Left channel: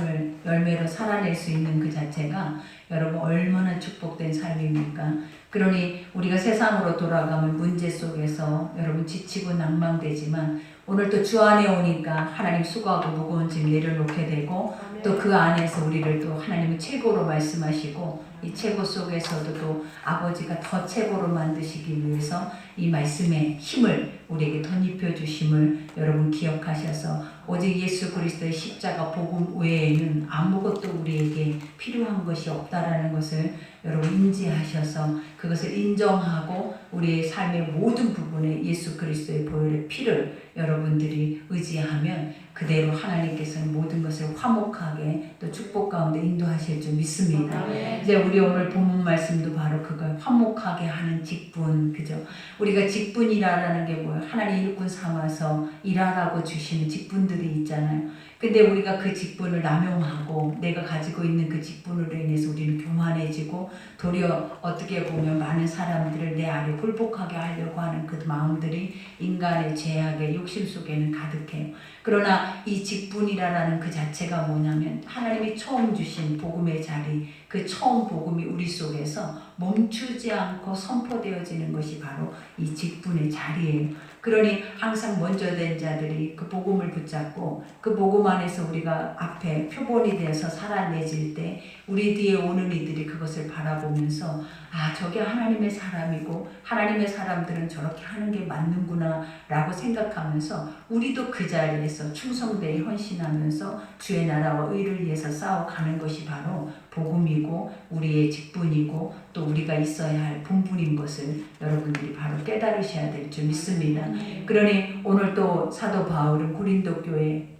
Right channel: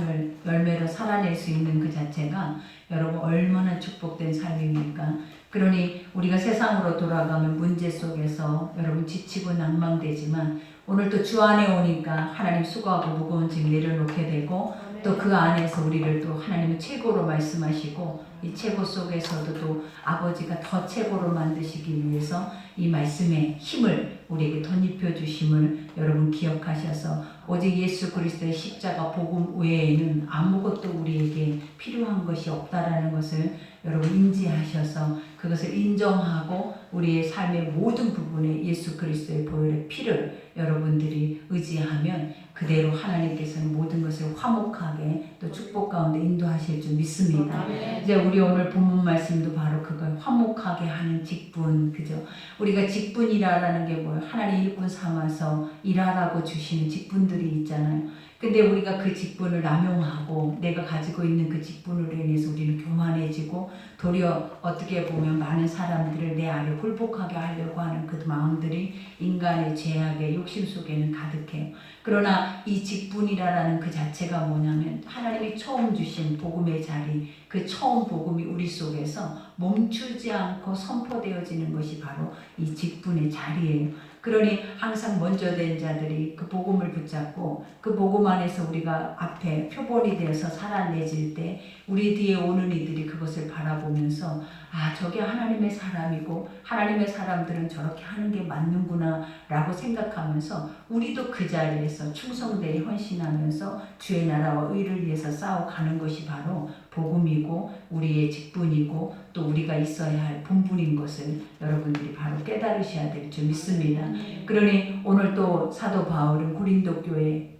삶을 열매로 살아낼 수 있는 그 자체가 여러분 얼마나 축복된 삶입니까? 그러니 우리가 세상으로 돌아가면 문제 속에서 여러분 지치고 낭망되지만 오늘 또 주 안에 오니까 하나님 수고하고 무거운 짐 내려놓게 되고 또 그 안에서 우리를 또 하나님은 최고로 말씀하시고 이 최고 속에서도 또 아버지가 더 최고로 만드시기 위해서 이 말씀의 힘을 우리에게 덧입혀 주심을 여러분 기억하셔서 오직 예수 그리스도의 십자가 복음 외에는 아무것도 우리에게 필요한 것이 없다라는 것을 여러분 인지하셔서 그것을 인정하고 우리의 삶의 모든 부분에 예수 그리스도의 보혈의 피를 여러분들이 의지하면 그대로 하나님께서는 모든 것을 화목하게 또 축복 가운데 인도하실 줄 믿습니다. 이제 우리 오늘 본문 말씀도 바로 그걸 화목하게 하는 직분, 그죠? 우리가 직분이라는 게 뭐예요? 하나님 일꾼 삼아서 일하라고 주시는 직분들이 있잖아요. 근데 우리가 그 직분을 남용하고 내가 가지고 있는 그 직분으로 인해서 우리는 교만해지고 도리어 어떻게 보면 많은 사람들을 내 아래 굴복하게 하려고 하는 그 마음들이 인간의 죄악의 욕심 속에는 가득해요. 그러나 이 직분이라는 그 자체가 뭐냐면 하나님이 처음 주신 복음의 자리, 그 처음 복음이 우리 속에서 멈추지 않고 선포되어지는 것이 바로 이 직분의 자리예요. 그러니 항상 먼저 된 자들이 그 복음을 붙잡고 그 복음 안에서 우리가 앞에 표본이 되어서 살아내질 때 우리 뒤에 오는 이들이 그것을 바라보면서 아, 저게 하나님의 사람이고 하나님의 사람들은 저렇게 하는 게 맞는구나 라고 생각하면서 우리도 그 자리에서 충성되이 헌신하면서 주의 나라와 의를 위해서 싸워가는 것이 바로 복음이고 우리의 직분이고 또 우리가 있어야 할 본분인 것을 여러분들이 바로 깨달으셔야 될 줄 믿습니다. 그러니 오늘 또 사도 바울은 고린도 교회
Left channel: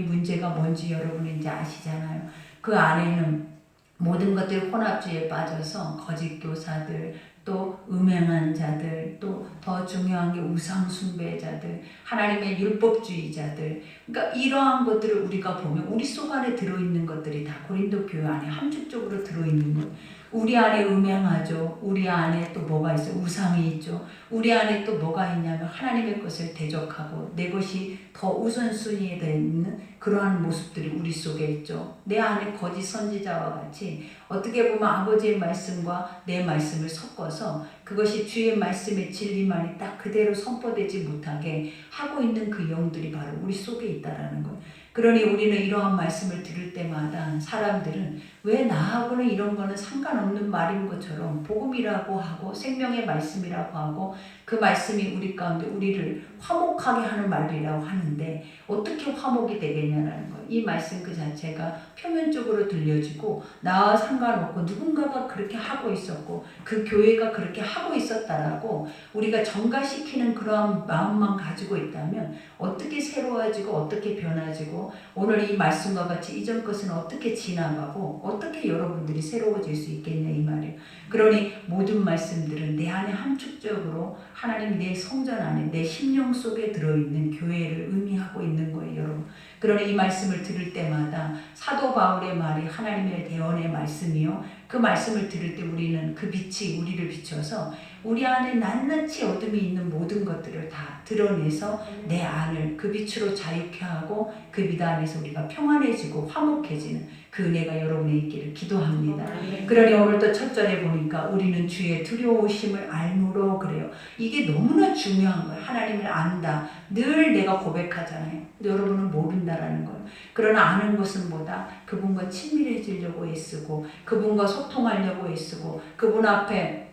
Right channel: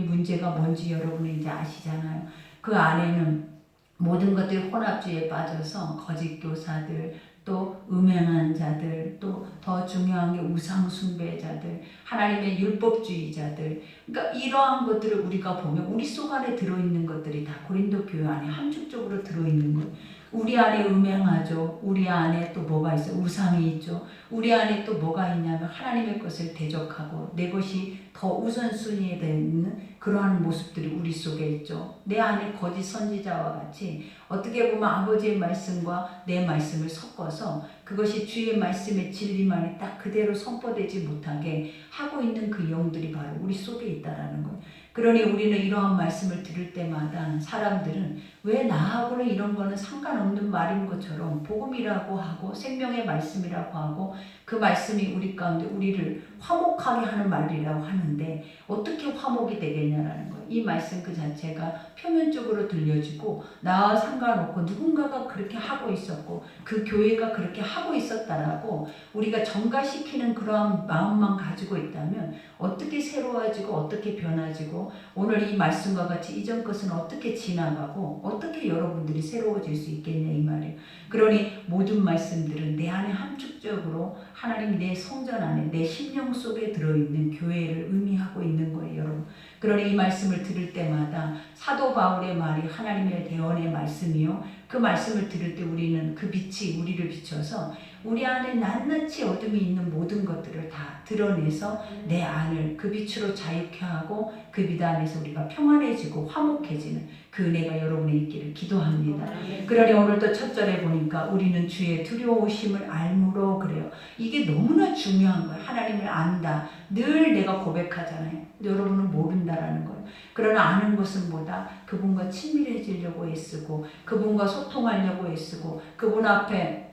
문제가 뭔지 여러분이 이제 아시잖아요. 그 안에는 모든 것들이 혼합주의에 빠져서 거짓 교사들, 또 음행한 자들, 또 더 중요한 게 우상 숭배자들, 하나님의 율법주의자들. 그러니까 이러한 것들을 우리가 보면 우리 속 안에 들어있는 것들이 다 고린도 교회 안에 함축적으로 들어있는 거예요. 우리 안에 음행하죠. 우리 안에 또 뭐가 있어요? 우상이 있죠. 우리 안에 또 뭐가 있냐면 하나님의 것을 대적하고 내 것이 더 우선순위에 있는 그러한 모습들이 우리 속에 있죠. 내 안에 거짓 선지자와 같이 어떻게 보면 아버지의 말씀과 내 말씀을 섞어서 그것이 주의 말씀의 진리만이 딱 그대로 선포되지 못하게 하고 있는 그 영들이 바로 우리 속에 있다라는 것. 그러니 우리는 이러한 말씀을 들을 때마다 사람들은 왜 나하고는 이런 거는 상관없는 말인 것처럼 복음이라고 하고 생명의 말씀이라고 하고 그 말씀이 우리 가운데 우리를 화목하게 하는 말이라고 하는데 어떻게 화목이 되겠냐라는 거예요. 이 말씀 그 자체가 표면적으로 들려지고 나와 상관없고 누군가가 그렇게 하고 있었고 그 교회가 그렇게 하고 있었다라고 우리가 전가시키는 그러한 마음만 가지고 있다면 어떻게 새로워지고 어떻게 변화지고 오늘 이 말씀과 같이 이전 것은 어떻게 지나가고 어떻게 여러분들이 새로워질 수 있겠냐 이 말이에요. 그러니 모든 말씀들은 내 안에 함축적으로 하나님이 내 성전 안에 내 심령 속에 들어있는 교회를 의미하고 있는 거예요 여러분. 그러니 이 말씀을 들을 때마다 사도 바울의 말이 하나님의 대언의 말씀이요. 그 말씀을 들을 때 우리는 그 빛이 우리를 비춰서 우리 안에 낱낱이 어둠이 있는 모든 것들을 다 드러내서 내 안을 그 빛으로 자유케 하고 그 빛 안에서 우리가 평안해지고 화목해지는 그 은혜가 여러분에 있기를 기도합니다. 그러니 오늘 또 첫 절에 보니까 우리는 주의 두려우심을 알므로 그래요. 이게 너무나 중요한 거예요. 하나님을 안다. 늘 내가 고백하잖아요. 근데 여러분은 모른다라는 거예요. 그러나 아는 것은 뭐다? 그분과 친밀해지려고 애쓰고 그분과 소통하려고 애쓰고 그분 앞에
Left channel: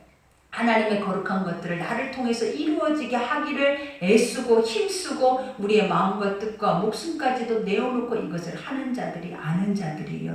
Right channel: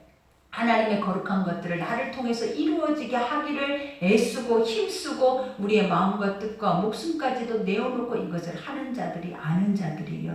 하나님의 거룩한 것들을 나를 통해서 이루어지게 하기를 애쓰고 힘쓰고 우리의 마음과 뜻과 목숨까지도 내어놓고 이것을 하는 자들이 아는 자들이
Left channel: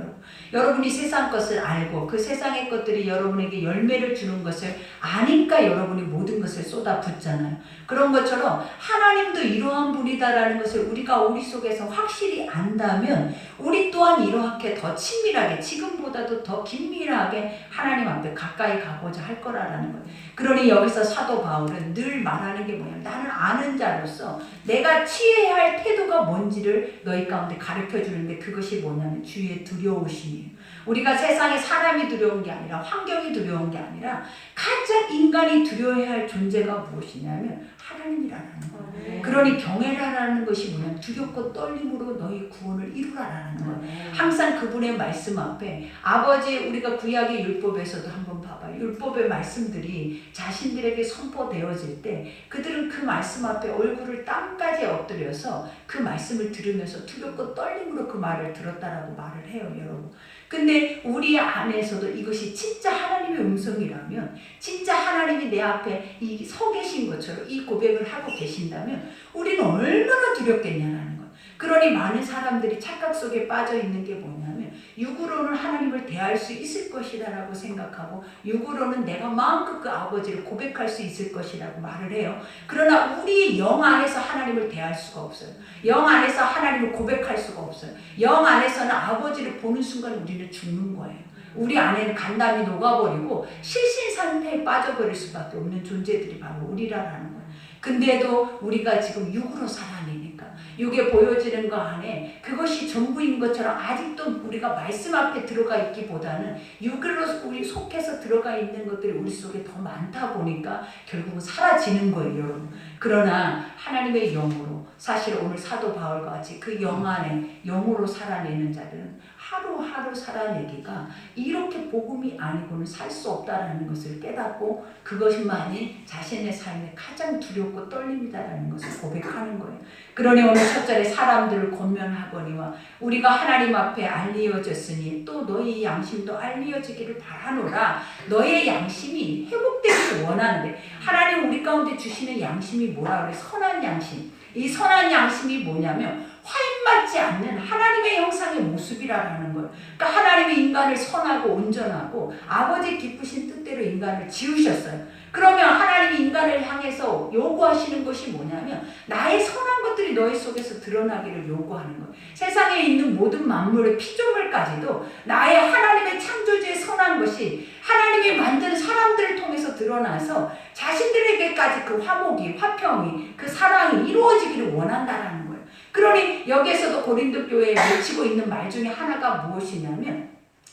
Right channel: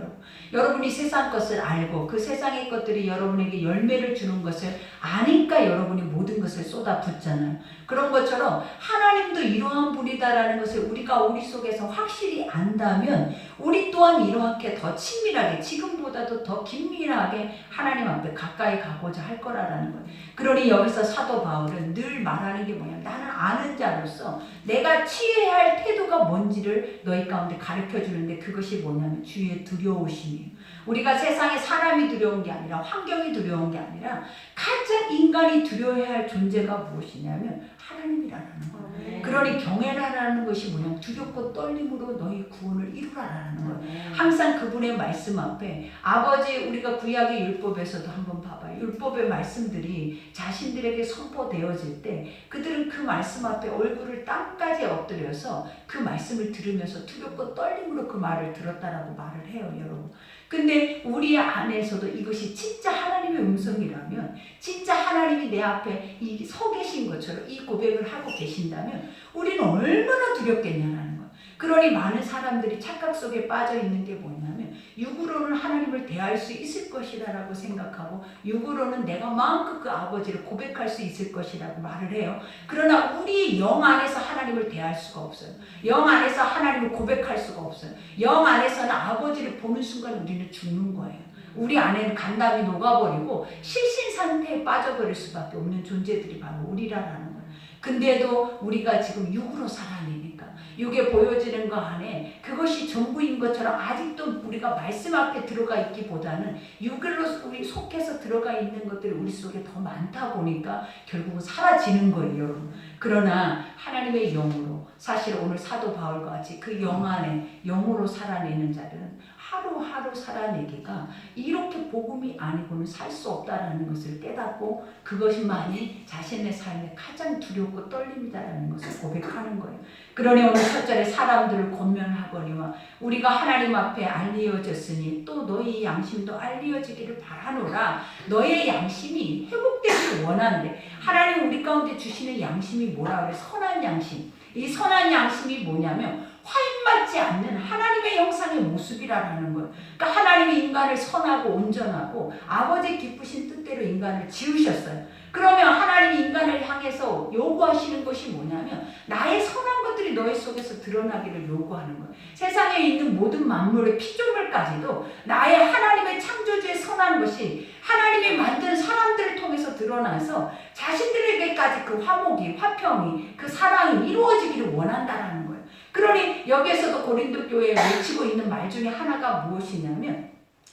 여러분이 세상 것을 알고 그 세상의 것들이 여러분에게 열매를 주는 것을 아니까 여러분이 모든 것을 쏟아붓잖아요. 그런 것처럼 하나님도 이러한 분이다라는 것을 우리가 우리 속에서 확실히 안다면 우리 또한 이렇게 더 친밀하게 지금보다 때보다도 더 긴밀하게 하나님 앞에 가까이 가고자 할 거라는 거예요. 그러니 여기서 사도 바울은 늘 말하는 게 뭐냐면 나는 아는 자로서 내가 취해야 할 태도가 뭔지를 너희 가운데 가르쳐 주는데 그것이 뭐냐면 주의 두려우심이에요. 우리가 세상에 사람이 두려운 게 아니라 환경이 두려운 게 아니라 가장 인간이 두려워해야 할 존재가 무엇이냐면 하나님이라는 거예요. 그러니 경외라는 것이 뭐냐면 두렵고 떨림으로 너희 구원을 이루라라는 거예요. 항상 그분의 말씀 앞에 아버지 우리가 구약의 율법에서도 한번 봐봐요. 율법의 말씀들이 자신들에게 선포되어질 때 그들은 그 말씀 앞에 얼굴을 땅까지 엎드려서 그 말씀을 들으면서 두렵고 떨림으로 그 말을 들었다라고 말을 해요, 여러분. 근데 우리 안에서도 이것이 진짜 하나님의 음성이라면 진짜 하나님이 내 앞에 서 계신 것처럼 이 고백을 하고 계신다면 우리는 얼마나 두렵겠냐는 거예요. 그러니 많은 사람들이 착각 속에 빠져 있는 게 뭐냐면 육으로는 하나님을 대할 수 있을 것이라고 생각하고 육으로는 내가 마음껏 그 아버지를 고백할 수 있을 것이라고 말을 해요. 그러나 우리 영 안에서 하나님을 대할 수가 없어요. 영 안에서 하나님을 고백할 수가 없어요. 영 안에서는 아버지를 보는 순간 우리는 죽는 거예요. 우리 안에는 간담이 녹아버리고 실신 상태에 빠져버릴 수밖에 없는 존재들이 바로 우리라는 거예요. 근데도 우리가 지금 육으로 살아내니까 육에 보여지는 거 안에 그것이 전부인 것처럼 아직도 우리가 말씀 앞에 들어가 있기보다는 육으로 우리 속해서 들어가 있는 것들이 우리 속에 더 많다 보니까 결국은 사라지는 거예요, 여러분. 그러나 하나님의 영으로 사실 오늘 사도 바울과 같이 그 영 안에 영으로 살아내는 자들은 하루하루 살아내기가 이렇게 복음이 아니고는 살 수 없다라는 것을 깨닫고 그것만이 자신의 삶에 가장 두렵고 떨림이다라는 것을 고백하는 거예요. 그러니 오늘 첫 절에 사람들을 권면하거니와 우리가 하나님 앞에 알리어졌으니 또 너희 양심도 알리어지기를 바라노라. 너의 양심이 회복되기를 원하는데 하나님 우리 가운데 주시는 양심이 뭐라 그래? 선한 양심. 이 선한 양심이 뭐냐면 화인맞지 않는 하나님의 형상의 모습이라는 거예요. 그러니까 하나님의 인간을 선하고 온전하고 아버지 기쁘신 뜻대로 인간을 지으셨어요. 그러면 하나님이 인간을 향해서 요구하시는 것이 뭐냐면 나의 선한 것들이 너희 속에서 드러나기를 요구하는 거예요. 세상에 있는 모든 만물의 피조물까지도 나의 하나님의 창조주의 선한 것이 하나님이 만든 사람들을 통해서 드러나서 자신들에게까지 그 화목이, 화평이, 그 사랑이 이루어지기를 원한다라는 거예요. 그러니 여기에서도 고린도 교회에 외치고 있는 말 중에 하나가 무엇이냐면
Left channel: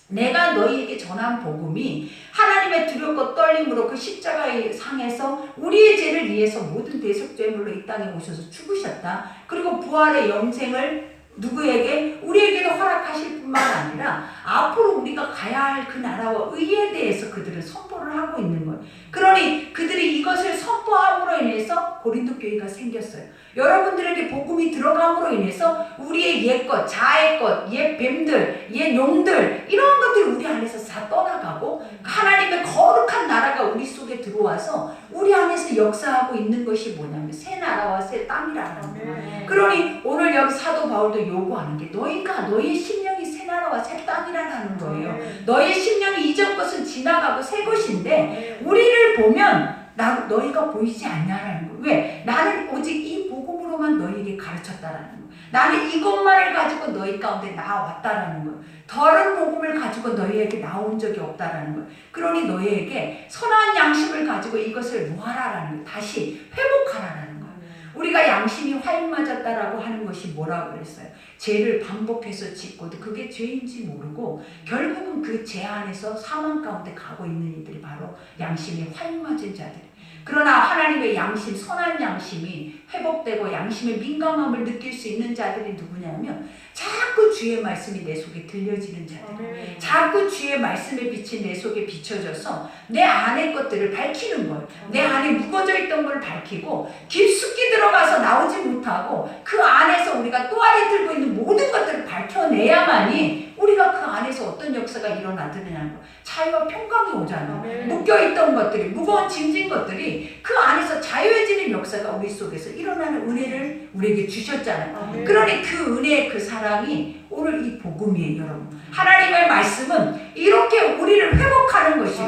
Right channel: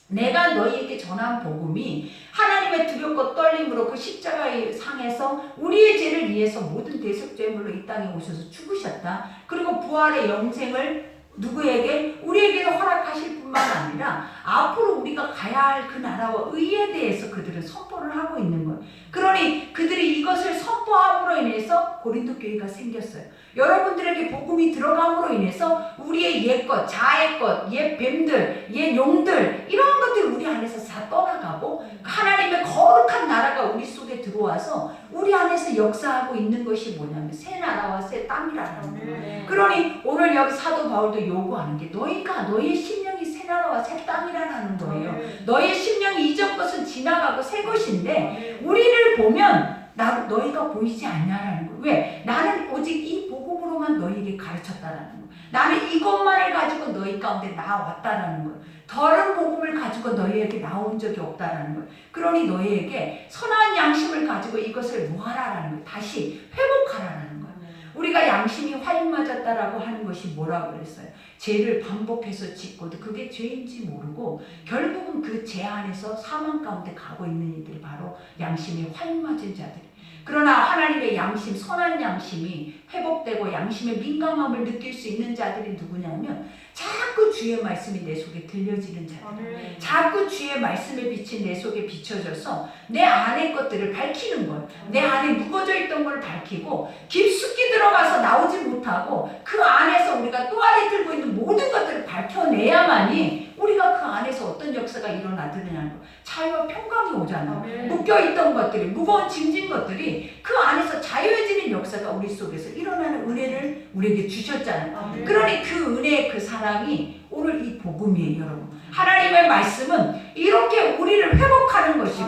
내가 너희에게 전한 복음이 하나님의 두렵고 떨림으로 그 십자가의 상에서 우리의 죄를 위해서 모든 대속죄물로 이 땅에 오셔서 죽으셨다. 그리고 부활의 영생을 누구에게? 우리에게도 허락하실 뿐만 아니라 앞으로 우리가 가야 할 그 나라와 의에 대해서 그들은 선포를 하고 있는 거예요. 그러니 그들이 이것을 선포함으로 인해서 고린도 교회가 생겼어요. 여러분들에게 복음이 들어감으로 인해서 우리의 옛것, 자의 것, 옛 뱀들, 옛 용들 이런 것들이 우리 안에서 다 떠나가고 하나님의 거룩한 나라가 우리 속에 들어와서 우리 안에서 역사하고 있는 것이 뭐냐면 새 나라와 새 땅이라는 거예요. 그러니 오늘 여기 사도 바울도 요구하는 게 너희가 너희의 심령이 새 나라와 새 땅이라는 거예요. 너희의 심령이 이전 것은 지나가고 새 것인데 우리를 보면 너희가 보이지 않냐라는 거예요. 왜? 나는 오직 이 복음으로만 너희에게 가르쳤다라는 거예요. 나는 이것만을 가지고 너희 가운데 나왔다라는 거예요. 다른 복음을 가지고 너희에게 나온 적이 없다라는 거예요. 그러니 너희에게 선한 양심을 가지고 이것을 모아라라는 거예요. 다시 회복하라라는 거예요. 우리가 양심이 화인 맞았다라고 하는 것이 뭐라고 그랬어요? 죄를 반복해서 짓고도 그게 죄인지 모르고 결국은 그 죄 안에서 사망 가운데 가고 있는 이들이 바로 양심이 화인 맞은 자들. 그러나 하나님의 양심, 선한 양심이 회복되고 양심의 민감함을 느낄 수 있는 자들이 누구냐면 자꾸 주의 말씀이 내 속에 들려지는 자들. 자꾸 주의 말씀에 비친 내 속에 비춰져서 내 안의 것들을 밝히는 거예요. 내 안에 묵어져 있던 걸 밝히고 깊숙이 들어가서 나오지 못하고 그 안에서 우리가 또 안에 들고 있는 모든 것들을 밝혀내야만이 우리가 그 안에서 어떤 역사가 일어나느냐는 거. 자유와 평강이 오잖아. 묶여있던 것들이, 무거운 짐진 것들이 그 안에서 자유해지는 역사가 우리 속에서 일어나는 은혜를 우리에게 주셨잖아요. 그러니 그 은혜의 그 사랑이 오늘 이 복음이에요, 여러분. 하나님의 말씀은 이렇게 우리를 회복하는 것이고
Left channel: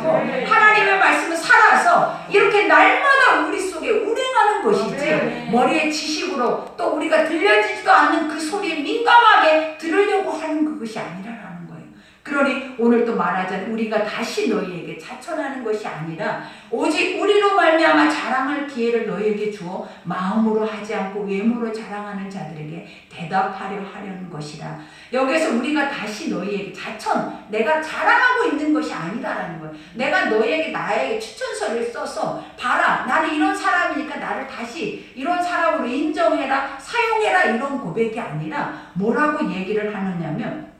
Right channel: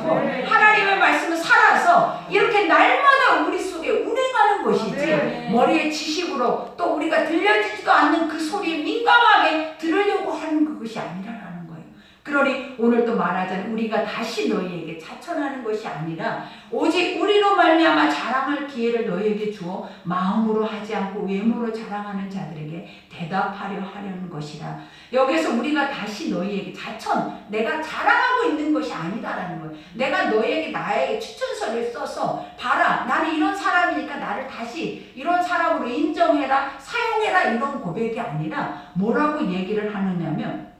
하나님의 말씀은 살아서 이렇게 날마다 우리 속에 운행하는 것이지 머리의 지식으로 또 우리가 들려지지도 않는 그 소리에 민감하게 들으려고 하는 그것이 아니라는 거예요. 그러니 오늘 또 말하자면 우리가 다시 너희에게 자천하는 것이 아니라 오직 우리로 말미암아 자랑할 기회를 너희에게 주어 마음으로 하지 않고 외모로 자랑하는 자들에게 대답하려 하려는 것이라. 여기서 우리가 다시 너희에게 자천, 내가 자랑하고 있는 것이 아니다라는 거예요. 내가 너희에게 나에게 추천서를 써서 봐라, 나는 이런 사람이니까 나를 다시 이런 사람으로 인정해라, 사용해라, 이런 고백이 아니라 뭐라고 얘기를 하느냐면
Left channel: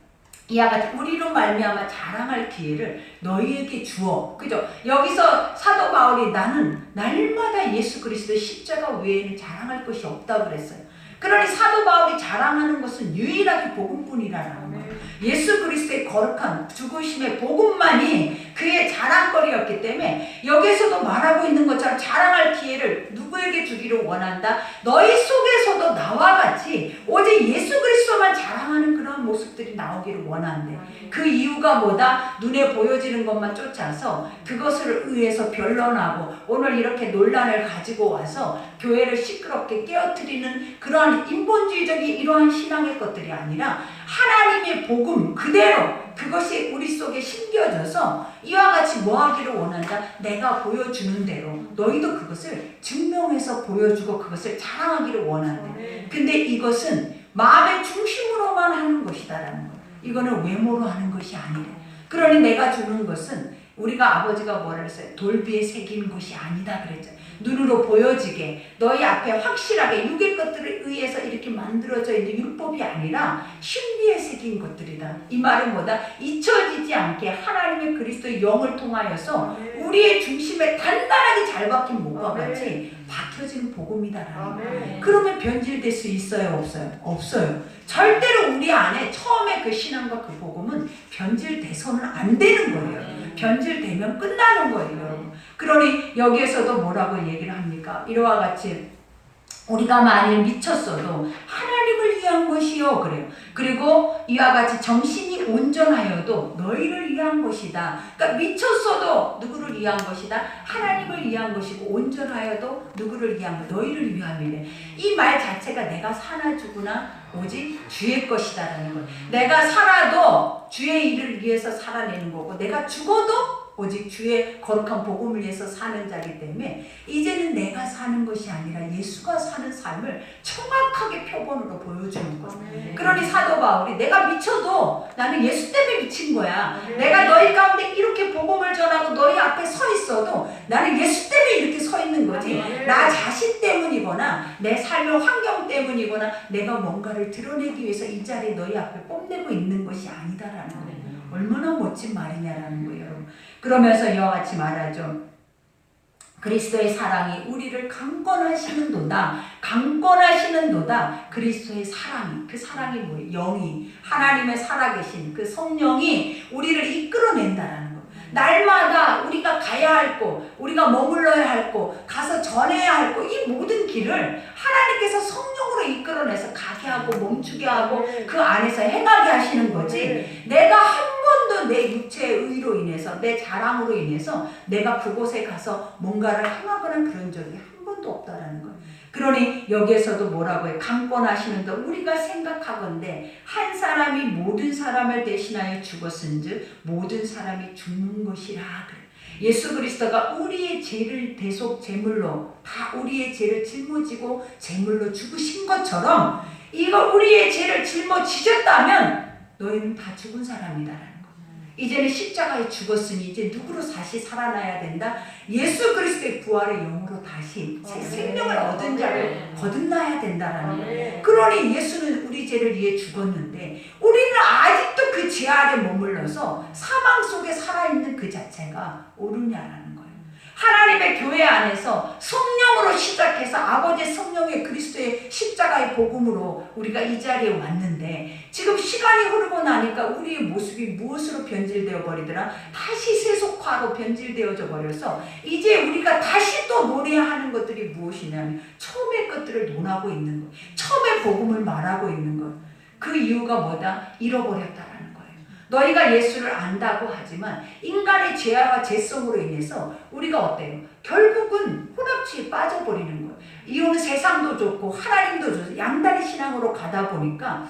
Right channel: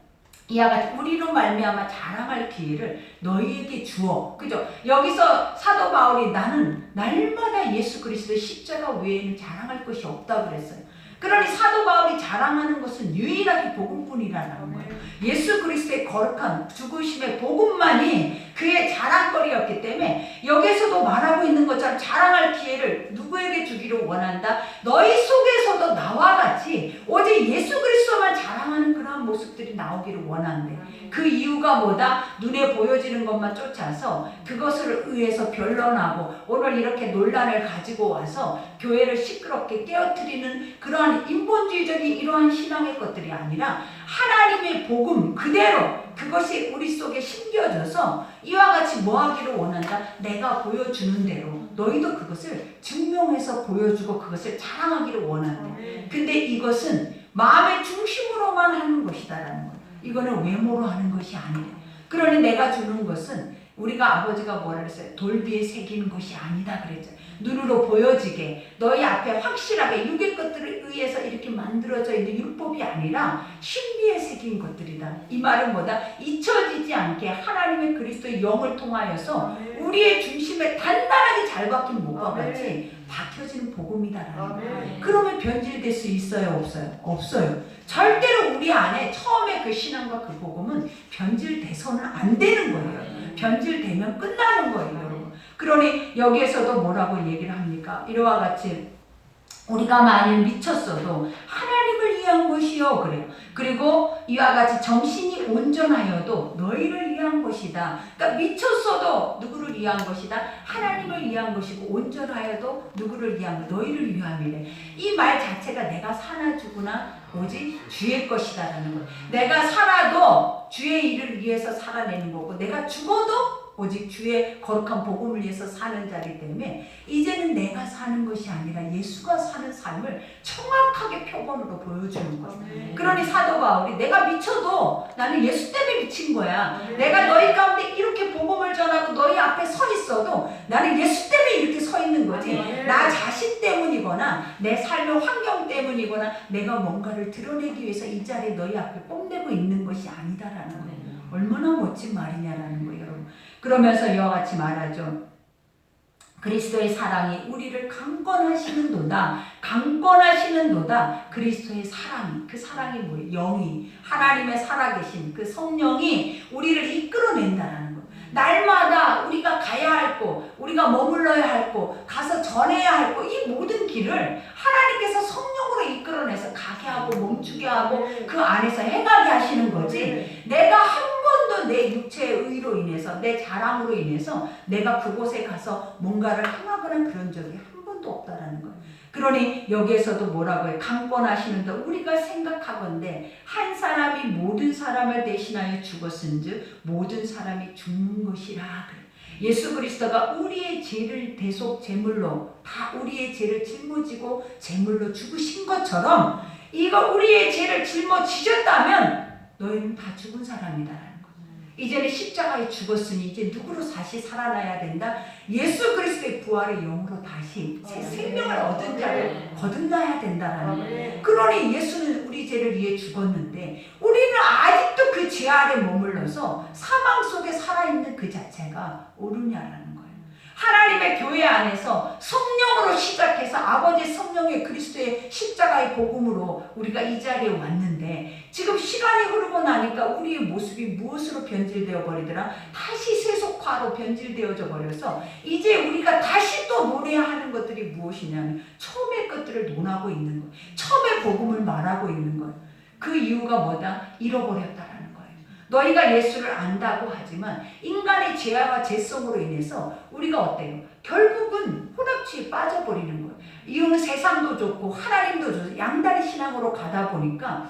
이와 같이 우리로 말미암아 자랑할 기회를 너희에게 주어. 그죠? 여기서 사도 바울이 나는 날마다 예수 그리스도의 십자가 외에는 자랑할 것이 없다고 그랬어요. 그러니 사도 바울이 자랑하는 것은 유일하게 복음뿐이라는 거예요. 예수 그리스도의 거룩한 죽으심의 복음만이 그의 자랑거리였기 때문에 여기서도 말하고 있는 것처럼 자랑할 기회를 누구에게 주기를 원한다? 너희 속에서도 나와 같이 오직 예수 그리스도만 자랑하는 그런 모습들이 나오기를 원한대. 그 이유가 뭐다? 눈에 보여지는 것만 쫓아서 그것을 의해서 변론하고 오늘 이렇게 논란을 가지고 와서 교회를 시끄럽게 깨어뜨리는 그러한 인본주의적인 이러한 신앙의 것들이 아니라 하나님의 복음 그대로 그것이 우리 속에 심겨져서 이와 같이 뭐 하기를 원한다? 내가 보여주는 대로 너희도 그것을 증명해서 보여주고 그것을 자랑하기를 원한대. 근데 이것은 마음의 중심으로만 하는 것이다라는 거예요. 이거는 외모로 하는 것이 아니래. 그러니 내가 주는 것은 우리가 아버지가 뭐라 그랬어요? 돌비에 새긴 것이 아니다 그랬죠. 눈으로 보여지게 너희 앞에 확실하게 육의 것들에 의해서 이렇게 만들어져 있는 율법이 아니라 신비에 새긴 것들이다. 이 말은 뭐다? 잊혀지지 않게 하나님의 그리스도의 영을 통하여서 우리의 중심에 단단하게 잘 박힌 못과 같이 박혀진 복음이다라는 거예요. 그러면 변질될 수 있어요? 없어요? 없어요. 절대로 우리 안에 처음에 그 신앙과 그 복음은 변질돼서는 안 되는 거예요. 변질되면 끝나는 거예요, 여러분. 그러니 여기에서도 뭐라고 얘기를 합니까? 이와 같이 우리가 만일 미쳤어도 하나님을 위한 것이요 그래요. 그리고 이와 같이 정신이 온전하여도 너희를 위한 것이다. 그러니까 미쳤어도 누구를 위한 것이다? 하나님을 위한 것이고 온전하여도 누구를 위한 것? 너희를 위함이래. 이 말 자체가 내가 사나 죽으나 오직 주의 것이다라는 거예요. 내가 살아도 주의 일을 위해서 살아내는 거고 내가 죽어도 오직 주의 거룩한 복음을 위해서 사는 자이기 때문에 이제는 내가 사는 것이 아니라 예수가 사는 삶을 정확하게 표본으로 보여주는 거예요. 그러니 사도 바울이 내가 미쳐도 나는 예수 때문에 미친 거야. 내가 너희 가운데 이렇게 복음을 전하고 너희 앞에 서 있어도 나는 예수 때문에 이렇게 서 있는 거지 나 자신 때문이거나 내 삶의 환경 때문이거나 내가 뭔가를 드러내기 위해서 이 자리에 너희 앞에 뽐내고 있는 것이 아니다라는 거예요. 얼마나 멋진 말이냐라는 거예요, 여러분. 그러면서 이와 같이 말하죠. 그리스도의 사랑이 우리를 강권하시는도다. 강권하시는도다. 그리스도의 사랑이. 그 사랑이 뭐예요? 영이. 하나님의 살아계신 그 성령이 우리를 이끌어낸다라는 거예요. 날마다 우리가 가야 할 곳, 우리가 머물러야 할 곳, 가서 전해야 할 곳, 이 모든 길을 하나님께서 성령으로 이끌어내서 가게 하고 멈추게 하고 그 안에서 행하게 하시는 거지. 내가 한 번도 내 육체의 의로 인해서 내 자랑으로 인해서 내가 그곳에 가서 뭔가를 행하거나 그런 적이 한 번도 없다라는 거예요. 그러니 여기에서도 뭐라고 해요? 강권하시는데 우리가 생각하건대 한 사람이 모든 사람을 대신하여 죽었은즉 모든 사람이 죽는 것이라 그래. 예수 그리스도가 우리의 죄를 대속 제물로 다 우리의 죄를 짊어지고 제물로 죽으신 것처럼 이거 우리의 죄를 짊어지셨다면 너희는 다 죽은 사람이다. 이제는 십자가에 죽었으니 이제 누구로 다시 살아나야 된다? 예수 그리스도의 부활의 영으로 다시 새 생명을 얻은 자를 거듭나야 된다라는 거예요. 그러니 예수는 우리 죄를 위해 죽었는데 우리는 아직도 그 죄 아래 머물러서 사망 속에 살아있는 그 자체가 옳으냐라는 거예요. 하나님의 교회 안에서 성령으로 시작해서 아버지의 성령의 그리스도의 십자가의 복음으로 우리가 이 자리에 왔는데 지금 시간이 흐르고 나니까 우리의 모습이 무엇으로 변질되어 버리더라? 다시 세속화로 변질되어져 버려서 이제 우리가 다시 또 노래하는 것들이 무엇이냐면 처음의 것들을 논하고 있는 것, 처음의 복음을 말하고 있는 것. 그 이유가 뭐다? 잃어버렸다라는 너희가 예수를 안다고 하지만 인간의 죄와 죄성으로 인해서 우리가 어때요? 결국은 혼합주의에 빠져버리는 거예요. 이유는 세상도 좋고 하나님도 좋고 양다리 신앙으로 가다 보니까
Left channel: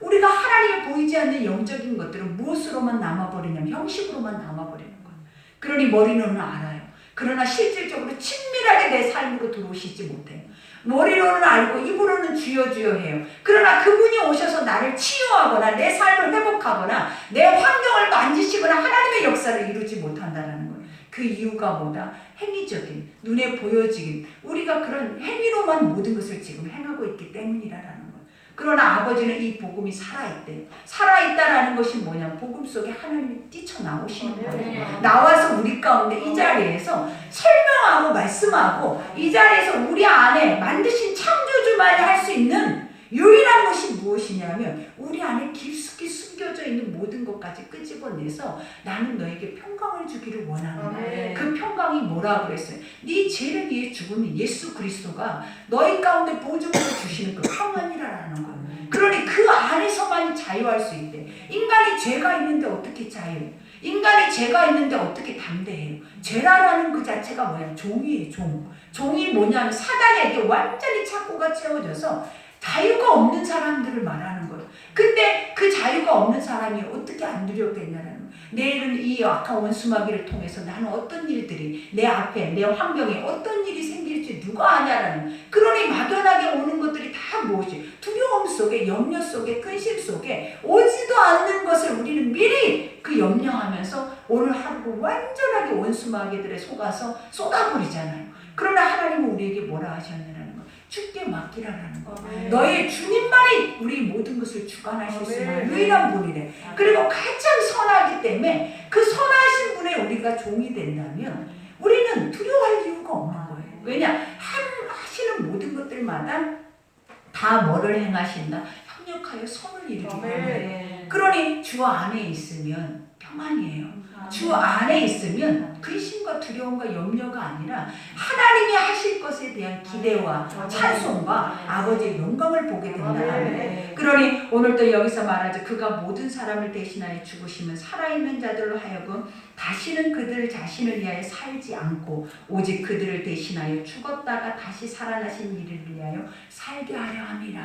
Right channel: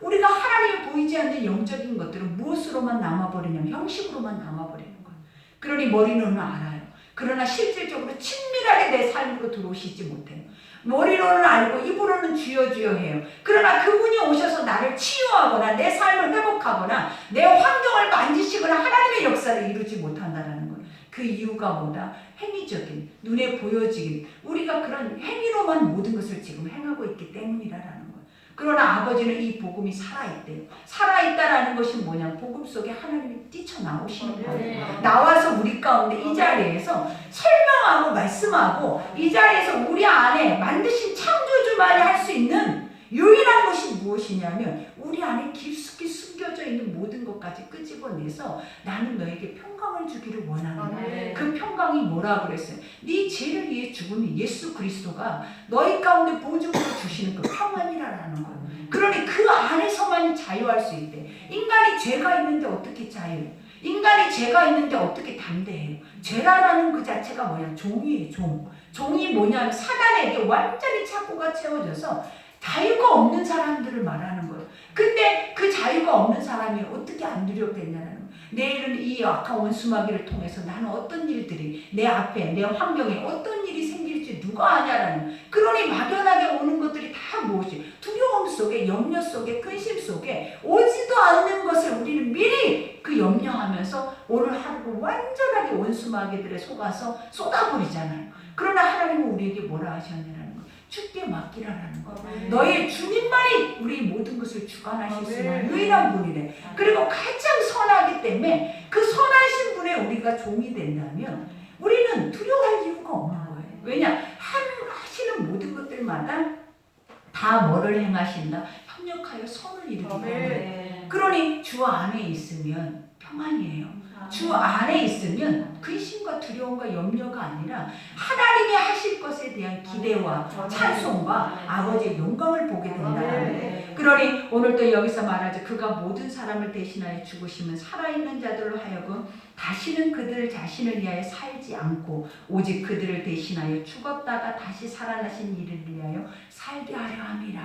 우리가 하나님이 보이지 않는 영적인 것들은 무엇으로만 남아버리냐면 형식으로만 남아버리는 거예요. 그러니 머리로는 알아요. 그러나 실질적으로 친밀하게 내 삶으로 들어오시지 못해요. 머리로는 알고 입으로는 주여 주여 해요. 그러나 그분이 오셔서 나를 치유하거나 내 삶을 회복하거나 내 환경을 만지시거나 하나님의 역사를 이루지 못한다는 거예요. 그 이유가 뭐다? 행위적인, 눈에 보여지긴, 우리가 그런 행위로만 모든 것을 지금 행하고 있기 때문이라는 거예요. 그러나 아버지는 이 복음이 살아있대요. 살아있다라는 것이 뭐냐면 복음 속에 하나님이 뛰쳐나오시는 거예요. 나와서 우리 가운데 이 자리에서 설명하고 말씀하고 이 자리에서 우리 안에 만드신 창조주만이 할 수 있는 유일한 것이 무엇이냐면 우리 안에 깊숙이 숨겨져 있는 모든 것까지 끄집어내서 나는 너에게 평강을 주기를 원한다. 그 평강이 뭐라 그랬어요? 네 죄를 위해 죽은 예수 그리스도가 너희 가운데 보증으로 주시는 그 평안이라는 거예요. 그러니 그 안에서만 자유할 수 있대. 인간이 죄가 있는데 어떻게 자유해요? 인간이 죄가 있는데 어떻게 담대해요? 죄라는 그 자체가 뭐냐? 종이에요, 종. 종이 뭐냐면 사단에게 완전히 착고가 채워져서 자유가 없는 사람들을 말하는 거예요. 근데 그 자유가 없는 사람이 어떻게 안 두렵겠냐는 거예요. 내일은 이 악한 원수마귀를 통해서 나는 어떤 일들이 내 앞에 내 환경에 어떤 일이 생길지 누가 아냐라는. 그러니 막연하게 오는 것들이 다 무엇이? 두려움 속에, 염려 속에, 근심 속에 오지도 않는 것을 우리는 미리 그 염려하면서 오늘 하루를 완전하게 원수마귀들에 속아서 쏟아버리잖아요. 그러나 하나님은 우리에게 뭐라 하셨느냐는 거예요. 주께 맡기라는 거예요. 너의 주님만이 우리 모든 것을 주관하실 수 있는 유일한 분이래. 그리고 가장 선하기 때문에 그 선하신 분의 우리가 종이 된다면 우리는 두려워할 이유가 없는 거예요. 왜냐? 하시는 모든 것들마다 다 뭐를 행하신다? 협력하여 선을 이루기 때문에. 그러니 주 안에 있으면 평안이에요. 주 안에 있으면 근심과 두려움과 염려가 아니라 하나님이 하실 것에 대한 기대와 찬송과 아버지의 영광을 보게 된다. 그러니 오늘도 여기서 말하죠. 그가 모든 사람을 대신하여 죽으시면 살아있는 자들로 하여금 다시는 그들 자신을 위하여 살지 않고 오직 그들을 대신하여 죽었다가 다시 살아나신 이를 위하여 살게 하려 함이라.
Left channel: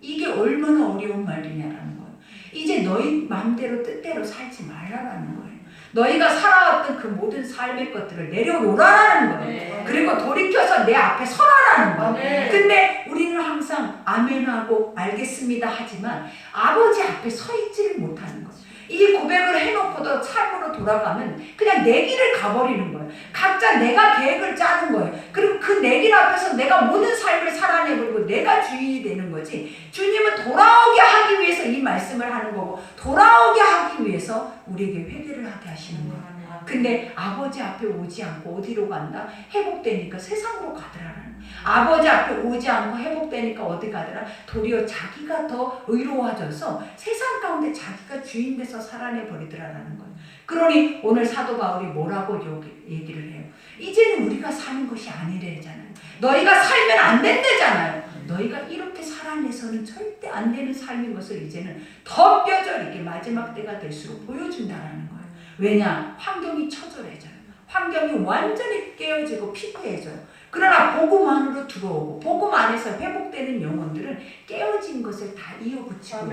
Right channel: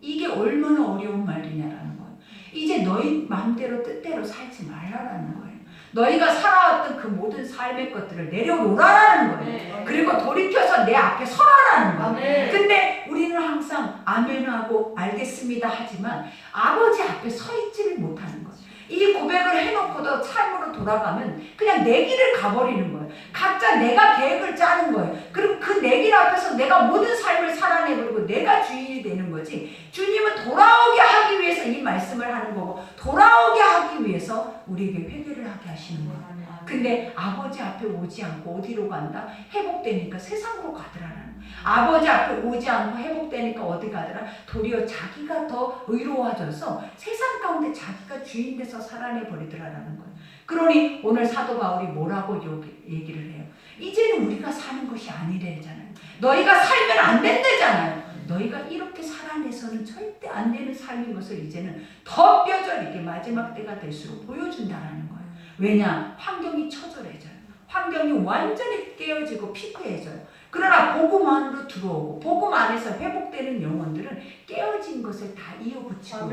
이게 얼마나 어려운 말이냐라는 거예요. 이제 너희 마음대로 뜻대로 살지 말라라는 거예요. 너희가 살아왔던 그 모든 삶의 것들을 내려놓으라는 거예요. 그리고 돌이켜서 내 앞에 서라라는 거예요. 근데 우리는 항상 아멘하고 알겠습니다 하지만 아버지 앞에 서 있지를 못하는 거예요. 이 고백을 해놓고도 삶으로 돌아가면 그냥 내 길을 가버리는 거예요. 각자 내가 계획을 짜는 거예요. 그리고 그 내 길 앞에서 내가 모든 삶을 살아내버리고 내가 주인이 되는 거지. 주님은 돌아오게 하기 위해서 이 말씀을 하는 거고 돌아오게 하기 위해서 우리에게 회개를 하게 하시는 거예요. 근데 아버지 앞에 오지 않고 어디로 간다? 회복되니까 세상으로 가더라라는. 아버지 앞에 오지 않고 회복되니까 어디 가더라? 도리어 자기가 더 의로워져서 세상 가운데 자기가 주인 돼서 살아내 버리더라라는 거예요. 그러니 오늘 사도 바울이 뭐라고 얘기를 해요? 이제는 우리가 사는 것이 아니래잖아요. 너희가 살면 안 된대잖아요. 너희가 이렇게 살아내서는 절대 안 되는 삶인 것을 이제는 더 뼈저리게 마지막 때가 될수록 보여준다라는 거예요. 왜냐? 환경이 처절해져요. 환경이 완전히 깨어지고 피폐해져요. 그러나 복음 안으로 들어오고 복음 안에서 회복되는 영혼들은 깨어진 것을 다 이어붙이고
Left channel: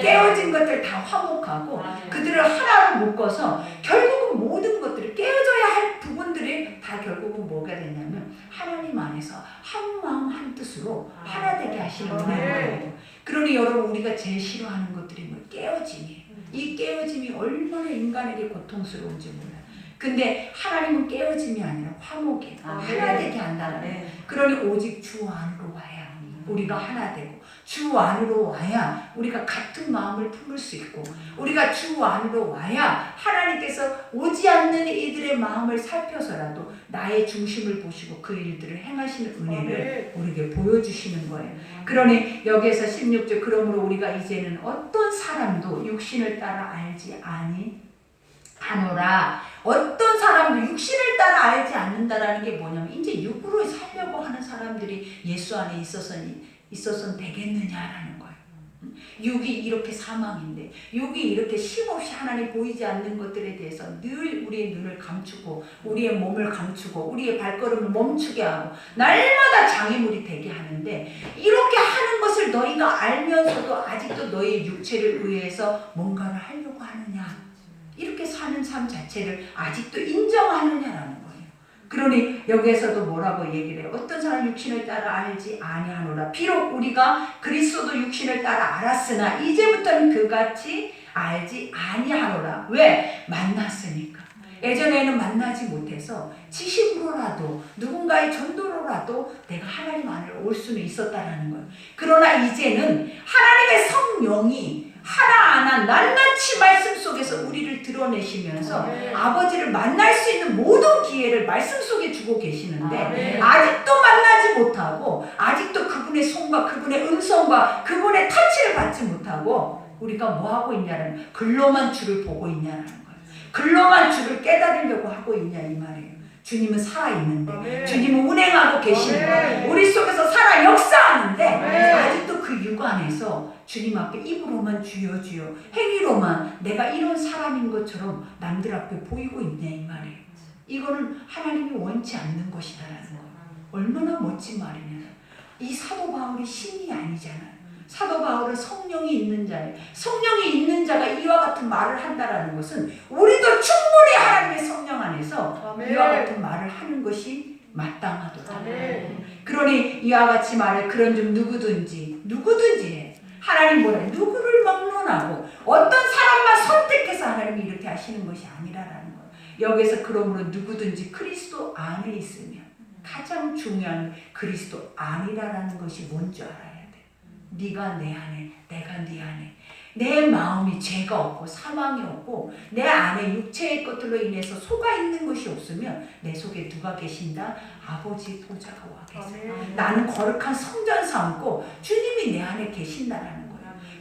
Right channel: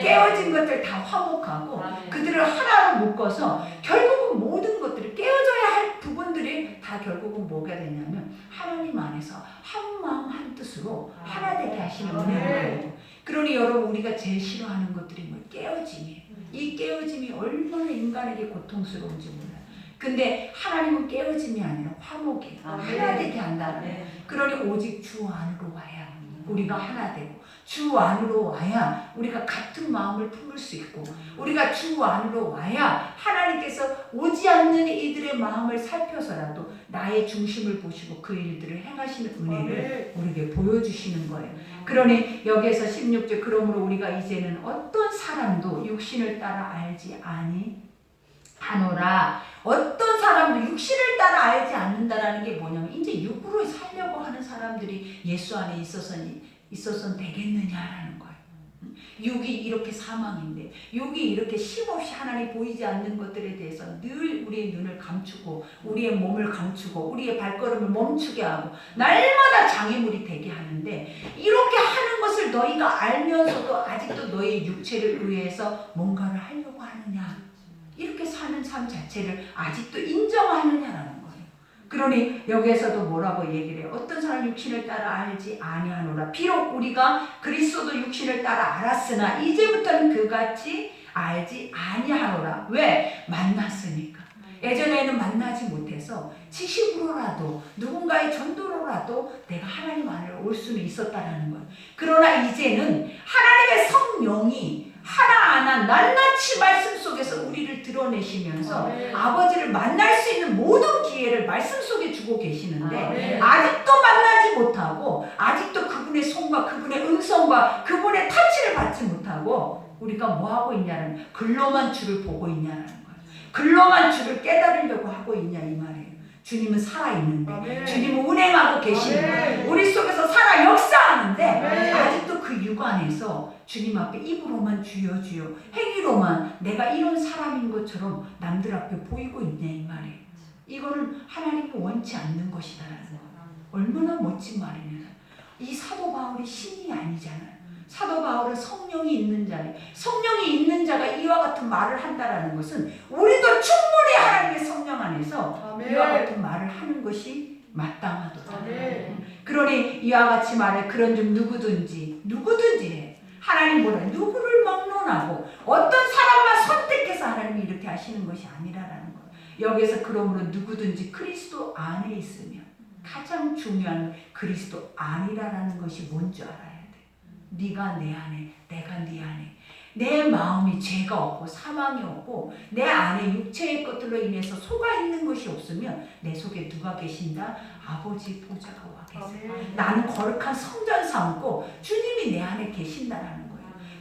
깨어진 것들 다 화목하고 그들을 하나로 묶어서 결국은 모든 것들을 깨어져야 할 부분들이 다 결국은 뭐가 되냐면 하나님 안에서 한 마음 한 뜻으로 하나 되게 하시는 은혜예요. 그러니 여러분 우리가 제일 싫어하는 것들이 뭐 깨어짐이에요. 이 깨어짐이 얼마나 인간에게 고통스러운지 몰라요. 근데 하나님은 깨어짐이 아니라 화목이에요. 하나 되게 한다는. 그러니 오직 주 안으로 와야 우리가 하나 되고 주 안으로 와야 우리가 같은 마음을 품을 수 있고 우리가 주 안으로 와야 하나님께서 오지 않는 이들의 마음을 살펴서라도 나의 중심을 보시고 그 일들을 행하시는 은혜를 우리에게 보여주시는 거예요. 그러니 여기에서 16절 그러므로 우리가 이제는 어떤 사람도 육신을 따라 알지 아니하노라. 어떤 사람도 육신을 따라 알지 않는다라는 게 뭐냐면 이제 육으로 살려고 하는 사람들이 예수 안에 있어서는 되겠느냐라는 거예요. 육이 이렇게 사망인데, 육이 이렇게 쉼없이 하나님 보이지 않는 것들에 대해서 늘 우리의 눈을 감추고 우리의 몸을 감추고 우리의 발걸음을 멈추게 하고 날마다 장애물이 되게 하는데, 이렇게 하는 것을 너희가 알면서도 아직도 너희의 육체를 의해서 뭔가를 하려고 하느냐, 이렇게 사는 삶 자체를 아직도 인정하느냐라는 거예요. 그러니 여기에서도 뭐라고 얘기를 해요? 어떤 사람 육신을 따라 알지 아니하노라. 비록 우리가 그리스도도 육신을 따라 알았으나 이제부터는 그같이 알지 아니하노라. 왜? 만났으니까. 예전에는 만나지 못해서 지식으로라도 누군가의 전도로라도 내가 하나님 안에 올 수는 있었다라는 거예요. 그러나 이제는 하나님의 성령이 하나하나 낱낱이 말씀 속에서 우리를 드러내시면서 아버지를 만날 수 있는 모든 기회를 말씀 속에 주고 계시는데, 아직도 만나지 못하고 아직도 그분의 손과 그분의 음성과 그분의 터치를 받지 못하고 우리가 뭐하고 있냐는, 글로만 주를 보고 있냐는 거예요. 글로만 주를 깨달으려고 하고 있냐 이 말이에요. 주님은 살아있는데, 주님은 운행하고 계시는데, 우리 속에서 살아 역사하는데 아직도 그 육 안에서 주님 앞에 입으로만 주여 주여, 행위로만 내가 이런 사람인 것처럼 남들 앞에 보이고 있냐 이 말이에요. 이거는 하나님이 원치 않는 것이다라는 거예요. 얼마나 멋진 말이냐. 이 사도 바울이 신이 아니잖아요. 사도 바울은 성령이 있는 자예요. 성령이 있는 자가 이와 같은 말을 한다라는 것은 우리도 충분히 하나님의 성령 안에서 이와 같은 말을 하는 것이 마땅하도다. 그러니 이와 같이 말해 그런 좀 누구든지 해. 하나님 뭐래? 누구를 막론하고 어떤 사람만 선택해서 하나님이 이렇게 하시는 것이 아니라라는 거예요. 여기에서 그러므로 누구든지 그리스도 안에 있으면, 가장 중요한 그리스도 안이라는 것이 뭔지 알아야 돼. 네가 내 안에, 내가 네 안에. 내 마음이 죄가 없고 사망이 없고 내 안에 육체의 것들로 인해서 속아 있는 것이 없으면 내 속에 누가 계신다? 아버지 보좌가 와 계세요. 나는 거룩한 성전 삼고 주님이 내 안에 계신다라는 거예요.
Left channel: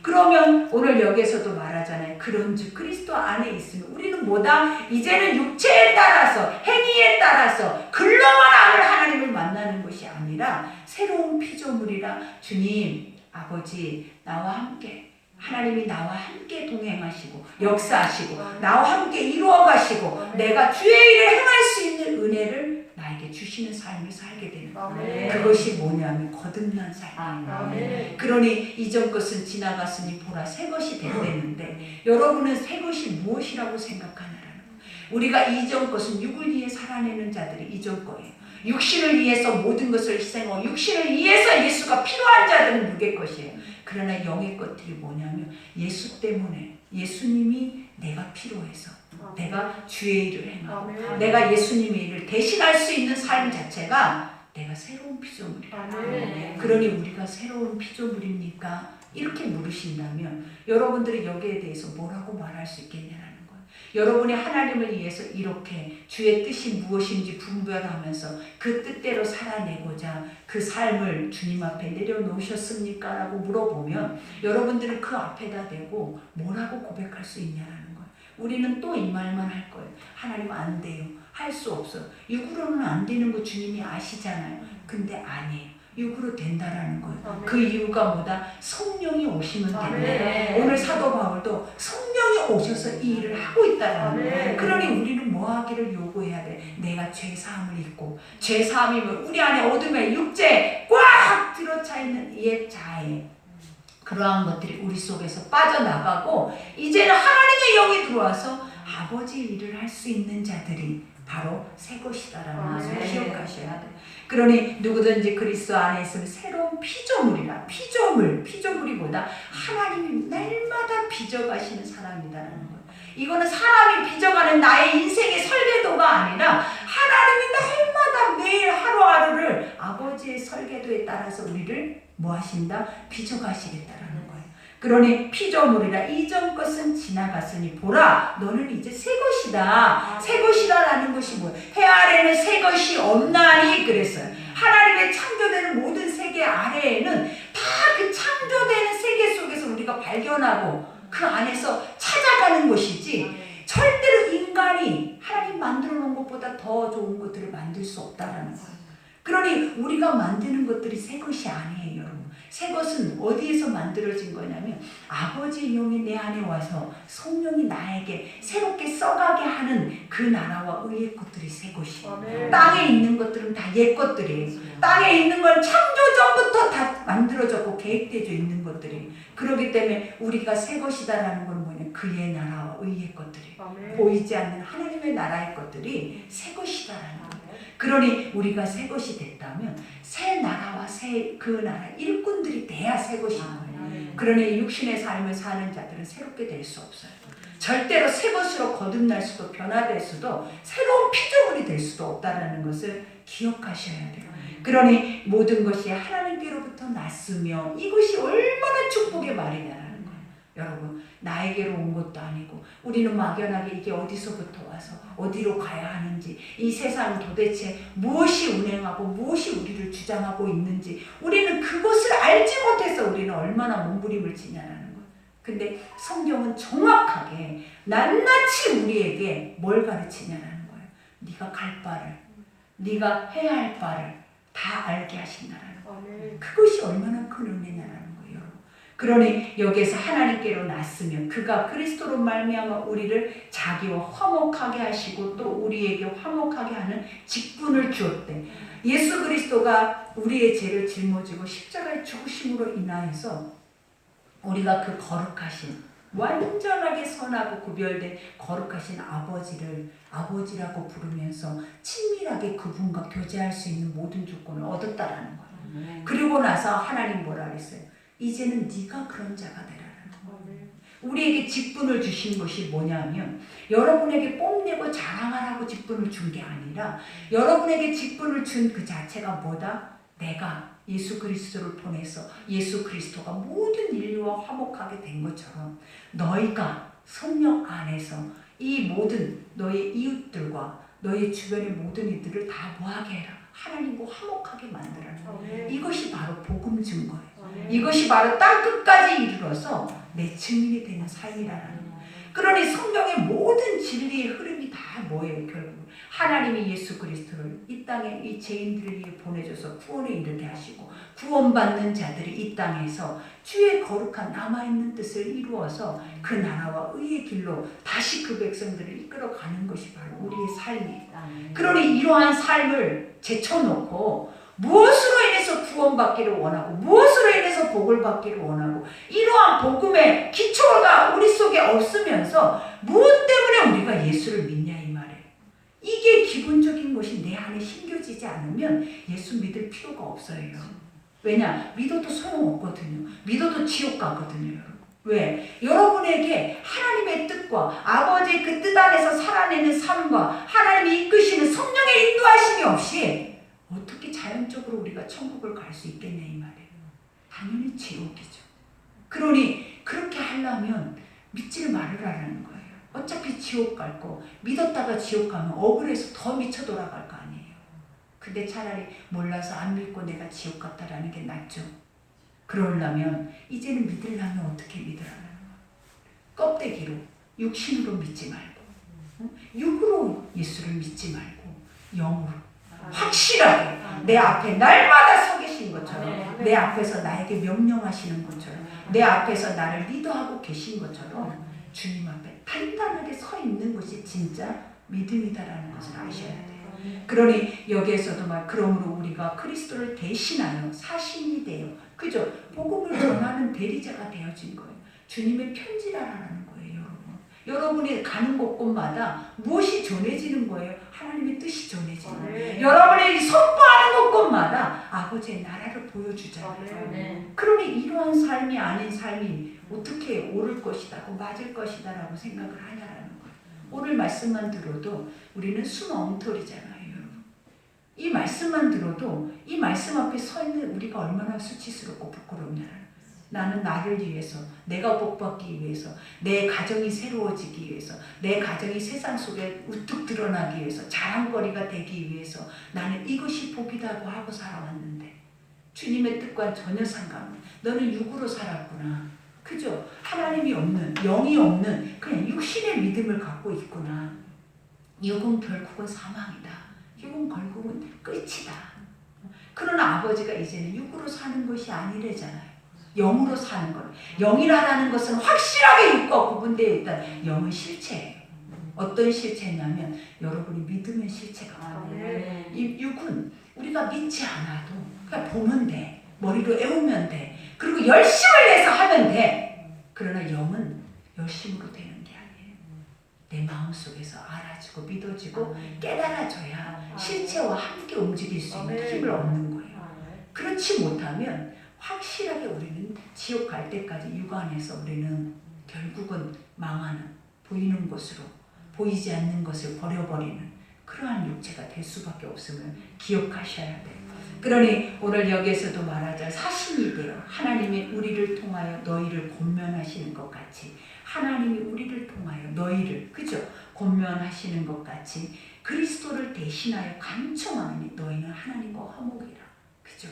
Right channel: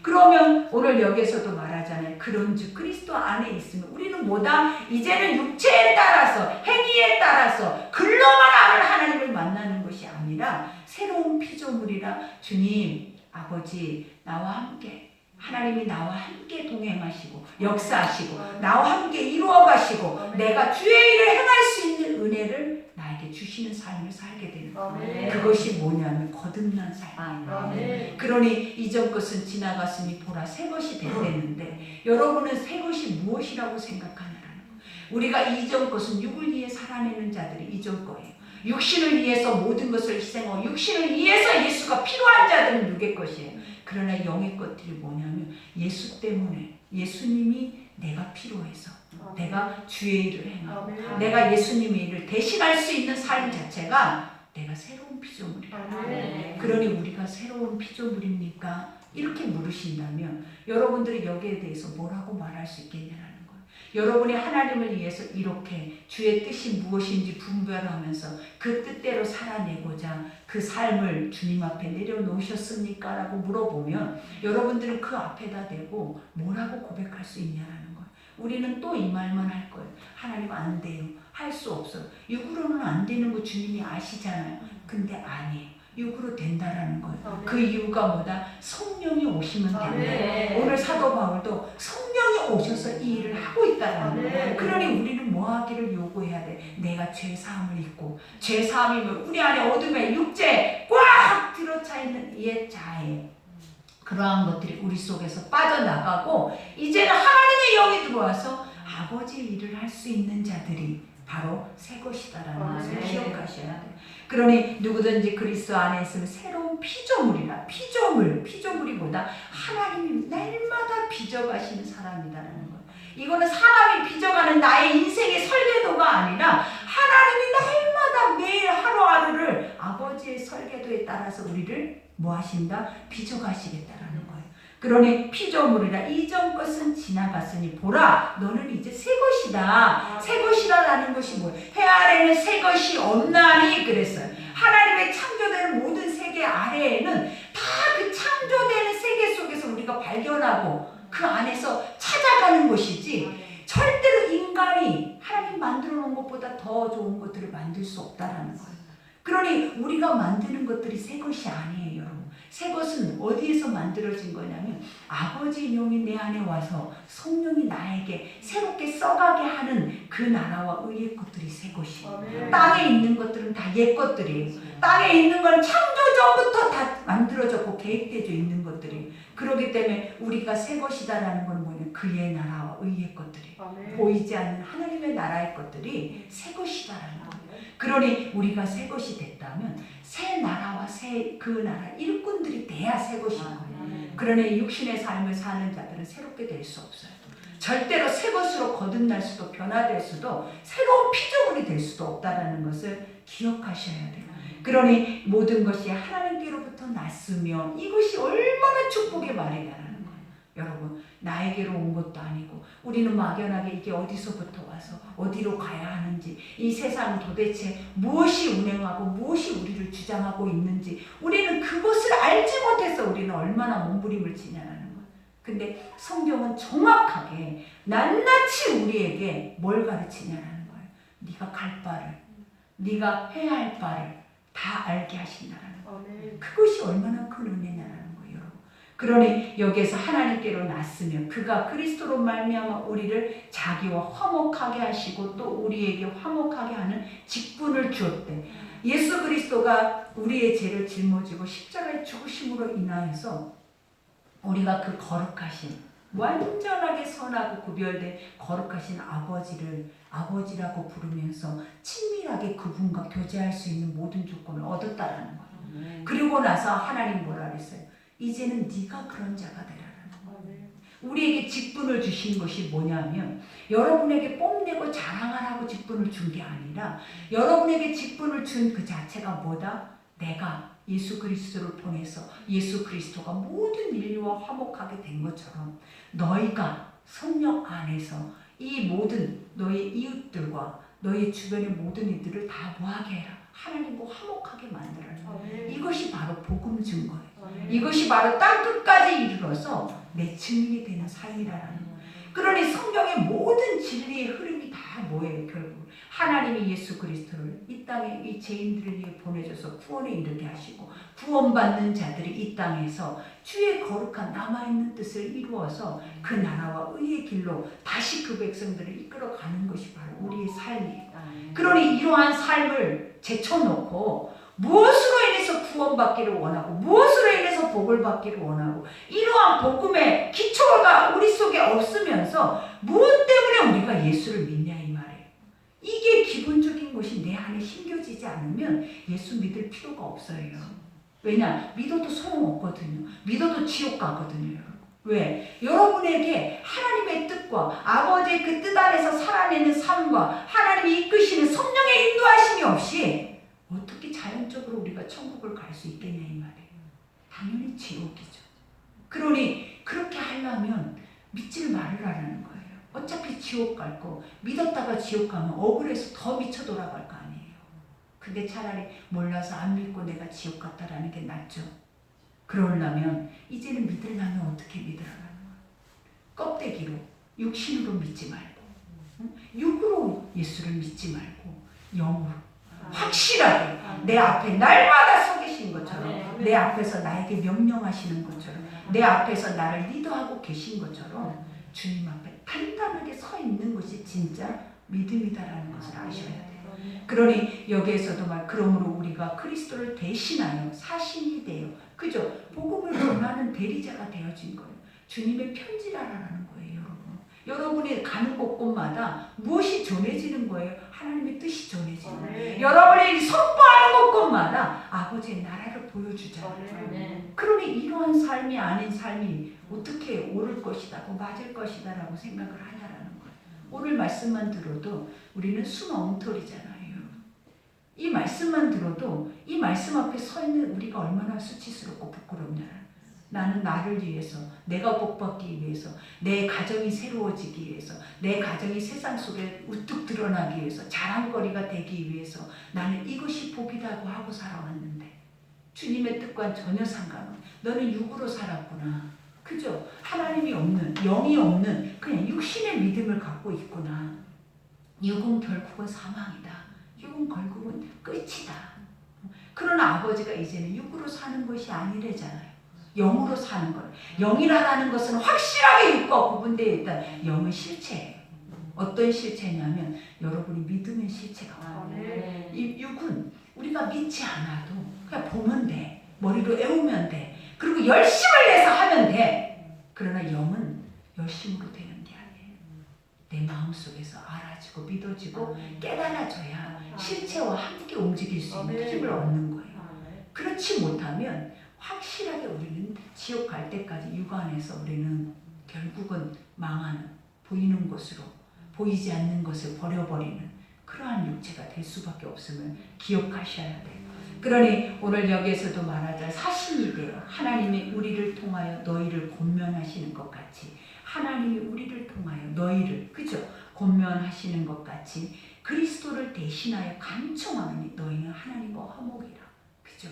그러면 오늘 여기에서도 말하잖아요. 그런즉 그리스도 안에 있으면 우리는 뭐다? 이제는 육체에 따라서, 행위에 따라서 글로만 아는 하나님을 만나는 것이 아니라 새로운 피조물이라. 주님, 아버지 나와 함께, 하나님이 나와 함께 동행하시고 역사하시고 나와 함께 이루어가시고 내가 주의 일을 행할 수 있는 은혜를 나에게 주시는 삶을 살게 되는 거예요. 그것이 뭐냐면 거듭난 삶이에요. 그러니 이전 것은 지나갔으니 보라 새 것이 됐는데, 여러분은 새 것이 무엇이라고 생각하느라는 거예요. 우리가 이전 것은 육을 위해 살아내는 자들이 이전 거예요. 육신을 위해서 모든 것을 희생하고 육신을 위해서 예수가 필요한 자들은 육의 것이에요. 그러나 영의 것들이 뭐냐면 예수 때문에, 예수님이 내가 필요해서 내가 주의 일을 행하고 내가 예수님의 일을 대신할 수 있는 삶 자체가 내가 새로운 피조물이야. 그러니 우리가 새로운 피조물입니까? 이렇게 물으신다면 여러분들이 여기에 대해서 뭐라고 말할 수 있겠냐는 거예요. 여러분이 하나님을 위해서 이렇게 주의 뜻이 무엇인지 분별하면서 그 뜻대로 살아내고자 그 삶을 주님 앞에 내려놓으셨습니까? 라고 물어보면 여러분들은 그 앞에다 대고 뭐라고 고백할 수 있냐는 거예요. 우리는 또 이 말만 할 거예요. 하나님 안 돼요. 할 수 없어요. 육으로는 안 되는 거 주님이 아시잖아요. 근데 아니에요. 육으로 된다라는 거예요. 그 이유가 뭐다? 성령이 오시면 된다. 오늘 사도 바울도 성령이 오셔서 이 일을 하고 있다라는 거예요. 그러니 우리는 뭐 하기를 요구해야 돼? 내가 죄사함을 입고, 죄사함이면 우리 안에 어둠의 육체 꽉 들어차 있는 옛 자아에 그러한 것들이 우리 속에서 빠져나가고 이제는 하나님의 영이 들어와서 아버지 일을 할 수 있는 자들이 바로 새 것이다라는 것을 기억하셔야 돼요. 그러니 누구든지 그리스도 안에 있으면 새로운 피조물이라. 피조물이 뭐다? 하나님이 날마다 빚어가시는 사람이다라는 거예요. 이거는 사람이 빚어가는 나의 인생의 설계도가 아니라 하나님이 날마다 매일 하루하루를 아버지의 설계도에 따라서 우리를 뭐 하신다? 빚어가시겠다라는 거예요. 그러니 피조물이라. 이전 것은 지나갔으니 보라 너는 이제 새 것이다. 새 것이라는 것이 뭐예요? 해 아래는 새 것이 없나니 그랬어요. 하나님의 창조되는 모든 세계 아래에는 다 그 창조되는 세계 속에서 우리가 발견하고 그 안에서 찾아가는 것이지, 절대로 인간이 하나님 만들어 놓은 것보다 더 좋은 것들을 만들 수 없다라는 거예요. 그러니 우리가 만드는 것들이 새 것이 아니에요, 여러분. 새 것은 어디에서 만들어진 거냐면 아버지의 영이 내 안에 와서 성령이 나에게 새롭게 써가게 하는 그 나라와 의의 것들이 새 것이에요. 땅에 있는 것들은 다 옛 것들이에요. 땅에 있는 건 창조 전부터 다 만들어졌고 계획되어 있는 것들이. 그렇기 때문에 우리가 새 것이다라는 건 뭐냐? 그의 나라와 의의 것들이. 보이지 않는 하나님의 나라의 것들이 새 것이다라는 거예요. 그러니 우리가 새 것이 됐다면 새 나라와 새 그 나라 일꾼들이 돼야 새 것인 거예요. 그러니 육신의 삶을 사는 자들은 새롭게 될 수 없어요. 절대로 새 것으로 거듭날 수도 변화될 수도 새로운 피조물이 될 수도 없다라는 것을 기억하셔야 돼요. 그러니 모든 것이 하나님께로부터 났으며 이것이 얼마나 축복의 말이냐라는 거예요. 여러분, 나에게로 온 것도 아니고 우리는 막연하게 이게 어디서부터 와서 어디로 가야 하는지, 이 세상은 도대체 무엇이 운행하고 무엇이 우리를 주장하고 있는지 우리는 그것을 알지 못해서 우리는 얼마나 몸부림을 치냐라는 거예요. 근데 성경은 정확하게 낱낱이 우리에게 뭘 가르치냐라는 거예요. 네가 갈 바를, 네가 해야 할 바를 다 알게 하신다라는 거예요. 그것이 얼마나 큰 은혜냐라는 거예요, 여러분. 그러니 여기에서 하나님께로 났으면 그가 그리스도로 말미암아 우리를 자기와 화목하게 하시고 또 우리에게 화목하게 하는 직분을 주었대. 예수 그리스도가 우리의 죄를 짊어지고 십자가의 죽으심으로 인하여서 우리가 그 거룩하신 완전하게 선하고 구별된 거룩하신 아버지를 아버지라고 부르면서 친밀하게 그분과 교제할 수 있는 모든 조건을 얻었다라는 거예요. 그리고 나서 하나님 뭐라 그랬어요? 이제는 네가 그런 자가 되라라는 거예요. 우리에게 직분을 주신 것이 뭐냐면 여러분에게 뽐내고 자랑하라고 직분을 준 게 아니라 여러분에게 직분을 준 그 자체가 뭐다? 내가 예수 그리스도를 통해서 예수 그리스도가 모든 인류와 화목하게 된 것처럼 너희가 성령 안에서 이 모든 너의 이웃들과 너의 주변의 모든 이들을 다 뭐하게 해라? 하나님과 화목하게 만들어라. 이것이 바로 복음 증거예요. 이것이 바로 땅 끝까지 이르러서 내 증인이 되는 삶이라는 거예요. 그러니 성경의 모든 진리의 흐름이 다 뭐예요? 결국 하나님이 예수 그리스도를 이 땅에 이 죄인들을 위해 보내줘서 구원에 이르게 하시고 구원받는 자들이 이 땅에서 주의 거룩한 남아있는 뜻을 이루어서 그 나라와 의의 길로 다시 그 백성들을 이끌어가는 것이 바로 우리의 삶이에요. 그러니 이러한 삶을 제쳐놓고 무엇으로 인해서 구원받기를 원하고 무엇으로 인해서 복을 받기를 원하고 이러한 복음의 기초가 우리 속에 없으면서 무엇 때문에 우리가 예수를 믿냐 이 말이에요. 이게 기본적인 것이 내 안에 심겨지지 않으면 예수 믿을 필요가 없어요. 왜냐? 믿어도 소용없거든요. 믿어도 지옥 가거든요. 여러분. 왜? 여러분에게 하나님의 뜻과 아버지의 그 뜻 안에서 살아내는 삶과 하나님이 이끄시는 성령의 인도하심이 없이 어떻게 자연적으로 우리가 천국을 갈 수 있겠냐 이 말이에요. 당연히 지옥이죠. 그러니 그렇게 하려면 믿지를 말으라는 거예요. 어차피 지옥 갈 거 믿었다가 지옥 가면 억울해서 더 미쳐 돌아갈 거 아니에요. 근데 차라리 몰라서 안 믿고 내가 지옥 갔다라는 게 낫죠. 그러려면 이제는 믿으려면 어떻게 믿으라는 거예요. 껍데기로 육신으로 믿지 말고 육으로 예수를 믿지 말고 영으로 확실하게 내 앞에 날마다 서 계신 것처럼 내 앞에서 나에게 명령하시는 것처럼 내 앞에서 나를 리더하고 계신 것처럼 주님 앞에 단단하게 서 있는 것이 진짜 믿음이다라는 것을 아셔야 돼요. 그러니 여기에서도 그러므로 우리가 그리스도를 대신하여 사신이 되어 그죠? 복음을 전하는 대리자가 되어진 거예요. 주님의 편지라라는 거예요. 여러분이 가는 곳곳마다 무엇이 전해지는 거예요? 하나님의 뜻이 전해지는 거예요. 여러분이 선포하는 곳곳마다 아버지의 나라를 보여주잖아요. 그러니 이러한 삶이 아닌 삶이 어떻게 옳을 것이다고 맞을 것이다라고 생각을 하냐라는 거예요. 오늘 말씀만 들어도 우리는 순 엉터리잖아요. 이 말씀만 들어도 이 말씀 앞에 서 있는 우리가 얼마나 수치스럽고 부끄럽냐라는 나는 나를 위해서, 내가 복받기 위해서, 내 가정이 새로워지기 위해서, 내 가정이 세상 속에 우뚝 드러나기 위해서, 자랑거리가 되기 위해서 나는 이것이 복이라고 하고 살아왔는데 주님의 뜻과는 전혀 상관없는 너는 육으로 살았구나. 그죠? 하나님이 없는, 영이 없는 그냥 육신의 믿음을 갖고 있구나. 육은 결국은 사망이다. 육은 결국은 끝이다. 그러나 아버지가 이제는 육으로 사는 것이 아니래잖아요. 영으로 사는 것. 영이라는 것은 확실하게 육과 구분되어 있다. 영은 실체예요. 어떤 실체냐면 여러분이 믿으면 실체가 와요. 이 육은 우리가 믿지 않아도 그냥 보면 돼. 머리로 애우면 돼. 그리고 열심을 내서 하면 돼. 그러나 영은 열심으로 되는 게 아니에요. 내 마음속에서 알아지고 믿어지고 깨달아져야 실체와 함께 움직일 수 있는 힘을 얻는 거예요. 그렇지 못하면 확실하게 우리는 지옥 갈 때까지 육 안에서 우리는 결국은 망하는, 보이는 것으로 보이지 않는 것을 버려버리는 그러한 육체가 될 수밖에 없음을 기억하셔야 돼요. 그러니 오늘 여기에서도 말하자 사신이 되어 하나님이 우리를 통하여 너희를 권면하시는 것 같이 하나님이 우리를 통하여 너희를 그죠? 권면하시는 것 같이 그리스도를 대신하여 간청하느니 너희는 하나님과 화목이라. 그죠?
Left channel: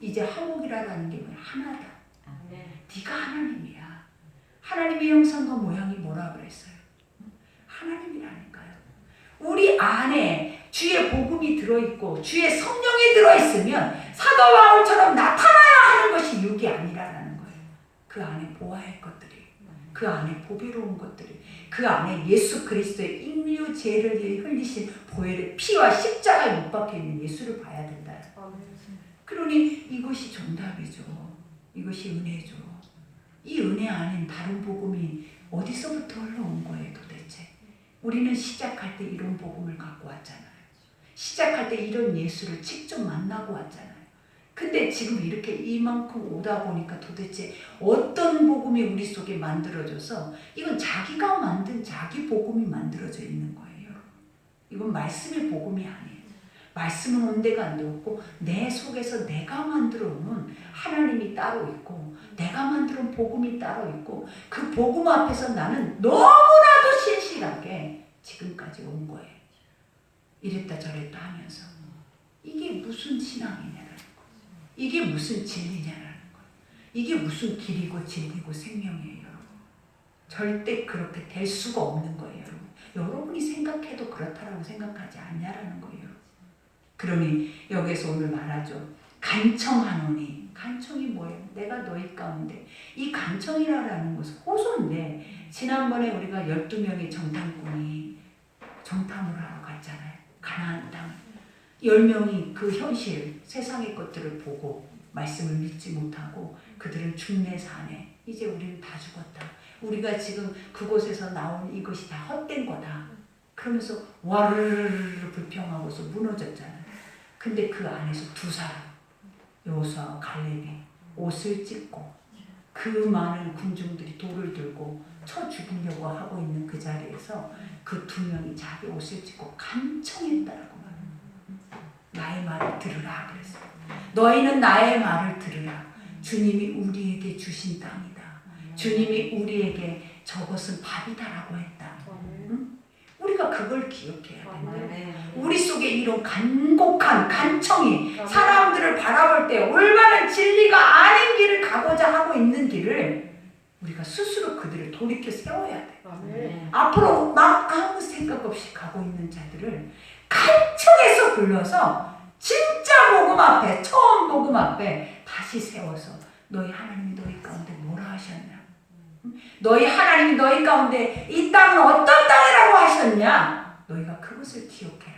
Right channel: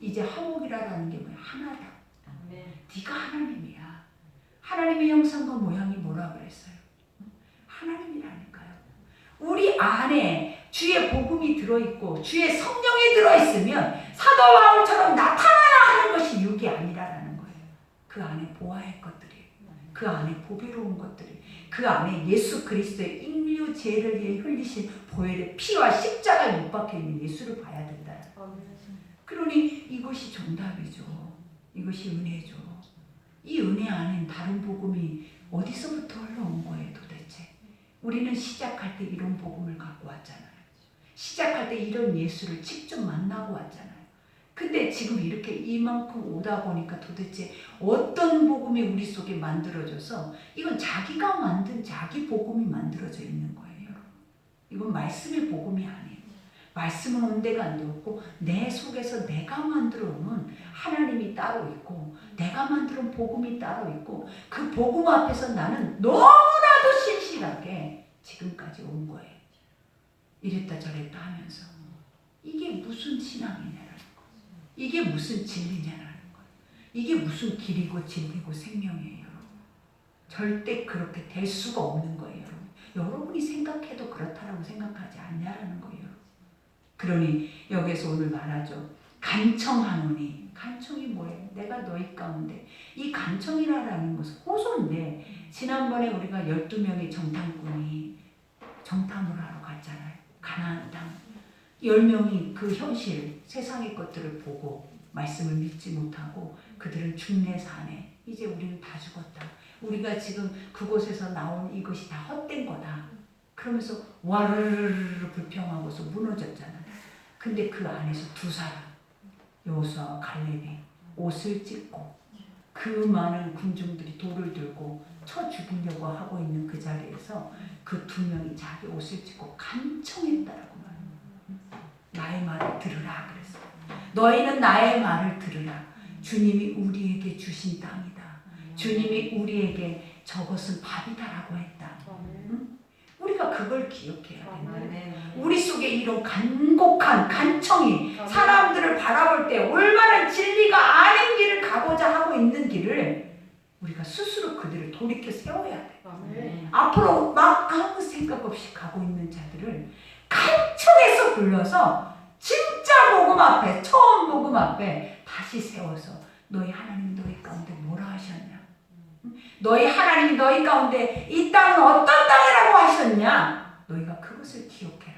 이제 화목이라는 게 뭐야? 하나다. 네가 하나님이야. 하나님의 형상과 모양이 뭐라 그랬어요? 하나님이라니까요. 우리 안에 주의 복음이 들어있고 주의 성령이 들어있으면 사도 바울처럼 나타나야 하는 것이 육이 아니라는 거예요. 그 안에 보아할 것들이, 그 안에 보배로운 것들이, 그 안에 예수 그리스도의 인류 죄를 위해 흘리신 보혈의 피와 십자가 못 박혀 있는 예수를 봐야 된다. 그러니 이것이 정답이죠. 이것이 은혜죠. 이 은혜 아닌 다른 복음이 어디서부터 흘러온 거예요 도대체. 우리는 시작할 때 이런 복음을 갖고 왔잖아요. 시작할 때 이런 예수를 직접 만나고 왔잖아요. 근데 지금 이렇게 이만큼 오다 보니까 도대체 어떤 복음이 우리 속에 만들어져서 이건 자기가 만든 자기 복음이 만들어져 있는 거예요. 이건 말씀의 복음이 아니에요. 말씀은 온데가 안 되었고 내 속에서 내가 만들어 놓은 하나님이 따로 있고 내가 만들어 놓은 복음이 따로 있고 그 복음 앞에서 나는 너무나도 신실하게 지금까지 온 거예요. 이랬다 저랬다 하면서 이게 무슨 신앙이냐라는 거예요. 이게 무슨 진리냐라는 거예요. 이게 무슨 길이고 진리고 생명이에요. 여러분. 절대 그렇게 될 수가 없는 거예요. 여러분. 여러분이 생각해도 그렇다라고 생각하지 않냐라는 거예요. 그러니 여기서 오늘 말하죠. 간청하노니. 간청이 뭐예요? 내가 너희 가운데. 이 간청이라는 것은 호소인데 지난번에 우리가 12명의 정탐꾼이 정탐을 하러 갔잖아요. 가나안 땅. 10명이 그 현실 세상의 것들을 보고 말씀을 믿지 못하고 그들은 죽네 사네. 이제 우리는 다 죽었다. 우리가 지금 그곳에서 나온 이것이 다 헛된 거다. 그러면서 와르르르 불평하고서 무너졌잖아요. 근데 그 안에서 두 사람 여호수아와 갈렙이 옷을 찢고 그 많은 군중들이 돌을 들고 쳐 죽이려고 하고 있는 그 자리에서 그 두 명이 자기 옷을 찢고 간청했다라고 말합니다. 나의 말을 들으라 그랬어요. 너희는 나의 말을 들으라. 주님이 우리에게 주신 땅이다. 주님이 우리에게 저것은 밥이다라고 했다. 응? 우리가 그걸 기억해야 된다. 우리 속에 이런 간곡한 간청이 사람들을 바라볼 때 올바른 진리가 아닌 길을 가고자 하고 있는 길을 우리가 스스로 그들을 돌이켜 세워야 돼. 앞으로 막 아무 생각 없이 가고 있는 자들을 간청해서 불러서 진짜 복음 앞에 처음 복음 앞에 다시 세워서 너희 하나님이 너희 가운데 뭐라 하셨냐? 너희 하나님이 너희 가운데 이 땅은 어떤 땅이라고 하셨냐? 너희가 그것을 기억해라.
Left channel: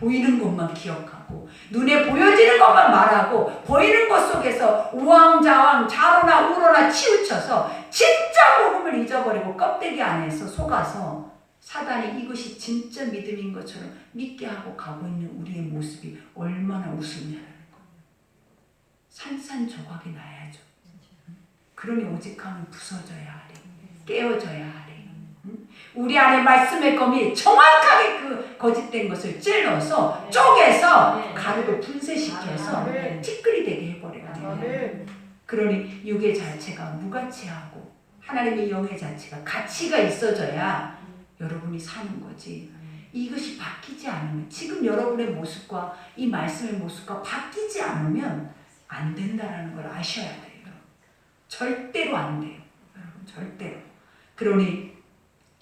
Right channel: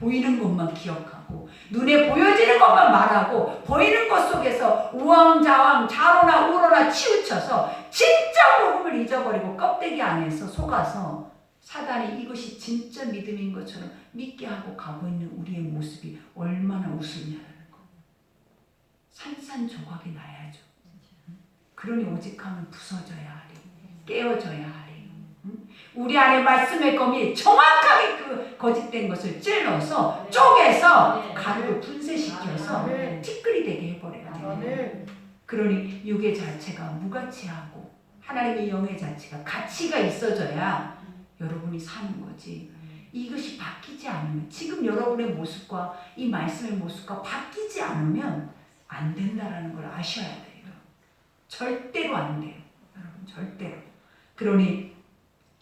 보이는 것만 기억하고 눈에 보여지는 것만 말하고 보이는 것 속에서 우왕좌왕 좌로나 우로나 치우쳐서 진짜 복음을 잊어버리고 껍데기 안에서 속아서 사단이 이것이 진짜 믿음인 것처럼 믿게 하고 가고 있는 우리의 모습이 얼마나 우습냐라는 거. 산산조각이 나야죠. 그러니 오직하면 부서져야 하리. 깨어져야 하리. 우리 안에 말씀의 검이 정확하게 그 거짓된 것을 찔러서 쪼개서 가루로 분쇄시켜서 티끌이 되게 해버려야 돼. 그러니 육의 자체가 무가치하고 하나님의 영의 자체가 가치가 있어져야 여러분이 사는 거지. 이것이 바뀌지 않으면 지금 여러분의 모습과 이 말씀의 모습과 바뀌지 않으면 안 된다라는 걸 아셔야 돼요. 절대로 안 돼요. 여러분 절대로. 그러니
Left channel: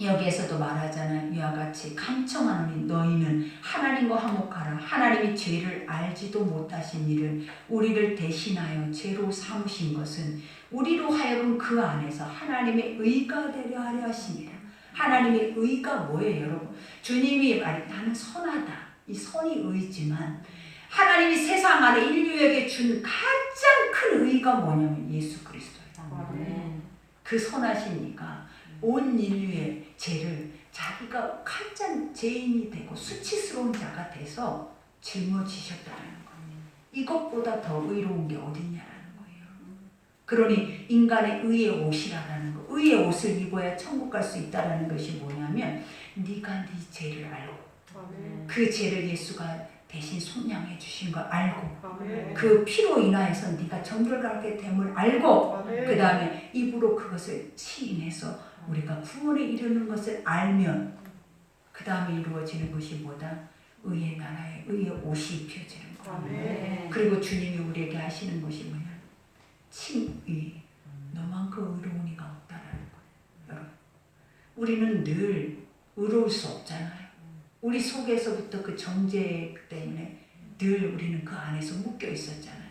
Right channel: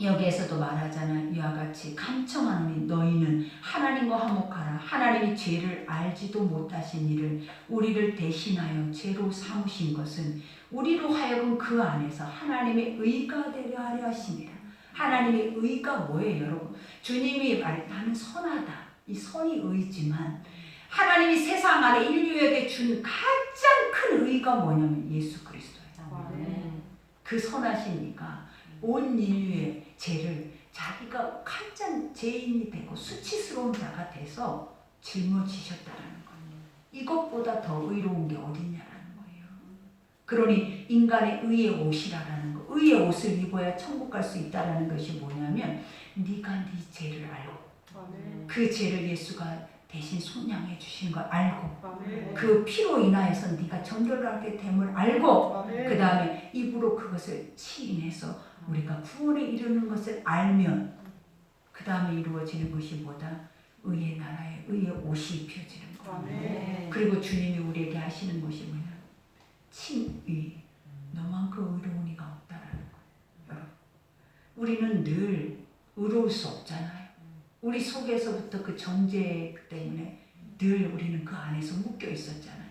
여기에서도 말하잖아. 이와 같이 감청하노니 너희는 하나님과 화목하라. 하나님이 죄를 알지도 못하신 이를 우리를 대신하여 죄로 삼으신 것은 우리로 하여금 그 안에서 하나님의 의가 되려 하려 하심이라. 하나님의 의가 뭐예요, 여러분? 주님이 말해 나는 선하다. 이 선이 의지만 하나님이 세상 안에 인류에게 준 가장 큰 의가 뭐냐면 예수 그리스도예요. 그 선하시니까 온 인류의 죄를 자기가 가장 죄인이 되고 수치스러운 자가 돼서 짊어지셨다는 거예요. 이것보다 더 의로운 게 어딨냐라는 거예요. 그러니 인간의 의의 옷이라는 거, 의의 옷을 입어야 천국 갈 수 있다라는 것이 뭐냐면 네가 네 죄를 알고 그 죄를 예수가 대신 속량해 주신 걸 알고 그 피로 인하여서 네가 정결하게 됨을 알고 그 다음에 입으로 그것을 시인해서 우리가 구원에 이르는 것을 알면 그 다음에 이루어지는 것이 뭐다? 의의 나라에 의의 옷이 입혀지는 거예요. 그리고 주님이 우리에게 하시는 것이 뭐냐? 칭의. 너만큼 의로운 이가 없다라는 거예요. 여러분, 우리는 늘 의로울 수 없잖아요. 우리 속에서부터 그 정죄 때문에 늘 우리는 그 안에서 묶여 있었잖아요.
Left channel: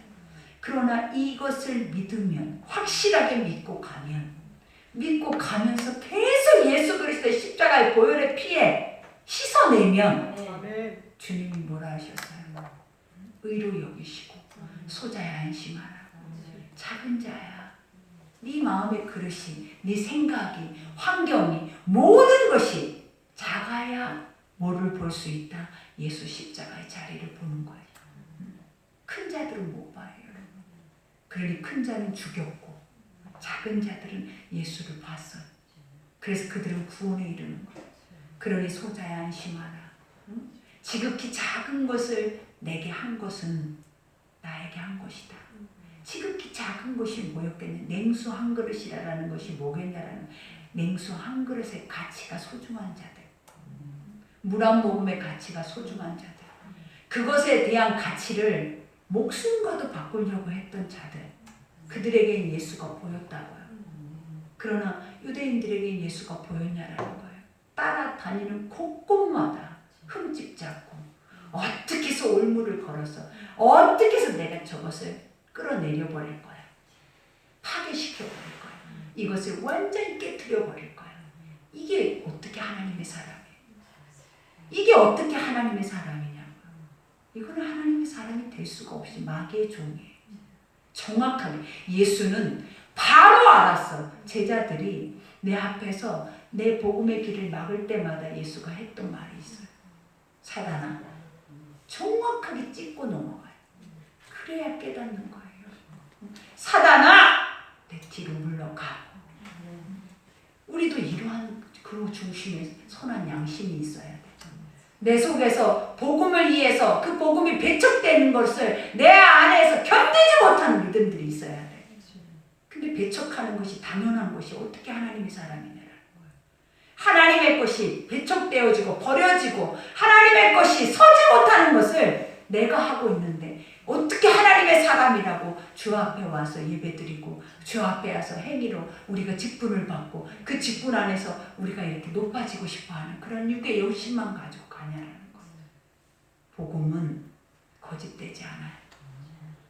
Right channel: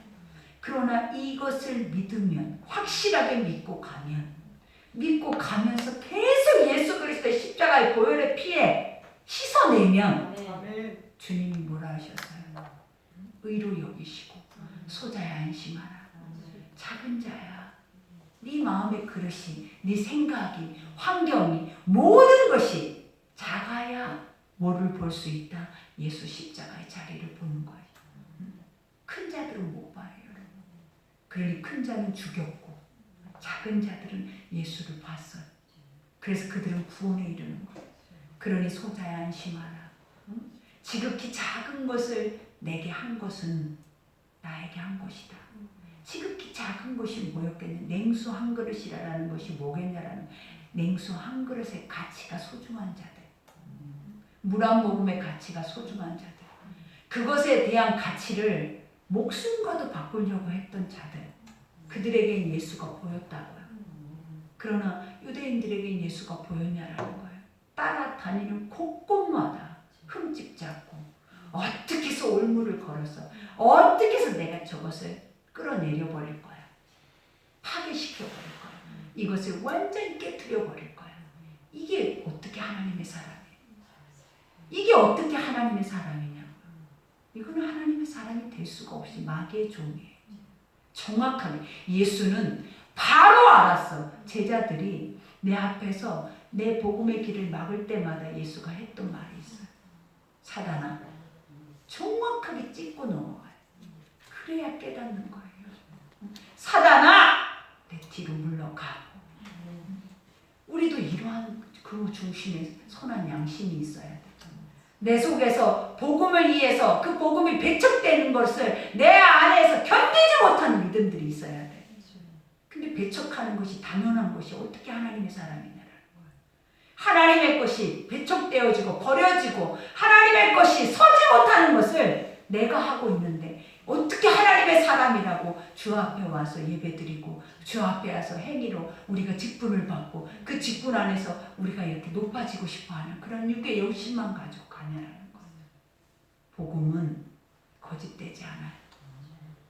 그러나 이것을 믿으면, 확실하게 믿고 가면서 계속 예수 그리스도의 십자가의 보혈의 피에 씻어내면 주님이 뭐라 하셨어요? 의로 여기시고 소자야 안심하라. 작은 자야. 네 마음의 그릇이, 네 생각이, 환경이, 모든 것이 작아야 뭐를 볼 수 있다? 예수 십자가의 자리를 보는 거예요. 큰 자들은 못 봐요, 여러분. 그러니 큰 자는 죽였고 작은 자들은 예수를 봤어요. 그래서 그들은 구원에 이르는 거예요. 그러니 소자야 안심하라. 지극히 작은 것을 내게 한 것은 나에게 한 것이다. 지극히 작은 것이 뭐였겠냐? 냉수 한 그릇이라는 것이 뭐겠냐라는, 냉수 한 그릇의 가치가 소중한 자들, 물 한 모금의 가치가 소중한 자들, 그것에 대한 가치를 목숨과도 바꾸려고 했던 자들, 그들에게 예수가 보였다고요. 그러나 유대인들에게 예수가 보였냐라는 거예요. 따라다니는 곳곳마다 흠집 잡고 어떻게 해서 올무를 걸어서 어떻게 해서 내가 저것을 끌어내려 버릴 거야. 파괴시켜 버릴 거야. 이것을 완전히 깨트려 버릴 거야. 이게 어떻게 하나님의 사람이에요? 이게 어떻게 하나님의 사람이냐고요. 이거는 하나님의 사람이 될 수가 없이 마귀의 종이에요. 정확하게 예수는 바로 알았어. 제자들이 내 앞에서 내 복음의 길을 막을 때마다 예수가 했던 말이 있어요. 사단아, 정확하게 찝고 넘어가요. 그래야 깨닫는 거예요. 사단아, 내 뒤로 물러가. 우리도 이러한 그 중심에 선한 양심이 있어야 돼. 내 속에서 복음을 위해서 그 복음이 배척되는 것을 내 안에서 견디지 못하는 믿음들이 있어야 돼. 근데 배척하는 것이 당연한 것이 어떻게 하나님의 사람이냐라는 거예요. 하나님의 것이 배척되어지고 버려지고 하나님의 것이 서지 못하는 것을 내가 하고 있는데 어떻게 하나님의 사람이라고 주 앞에 와서 예배드리고 주 앞에 와서 행위로 우리가 직분을 받고 그 직분 안에서 우리가 이렇게 높아지고 싶어하는 그런 육의 욕심만 가지고 가냐라는 거예요. 복음은 거짓되지 않아요.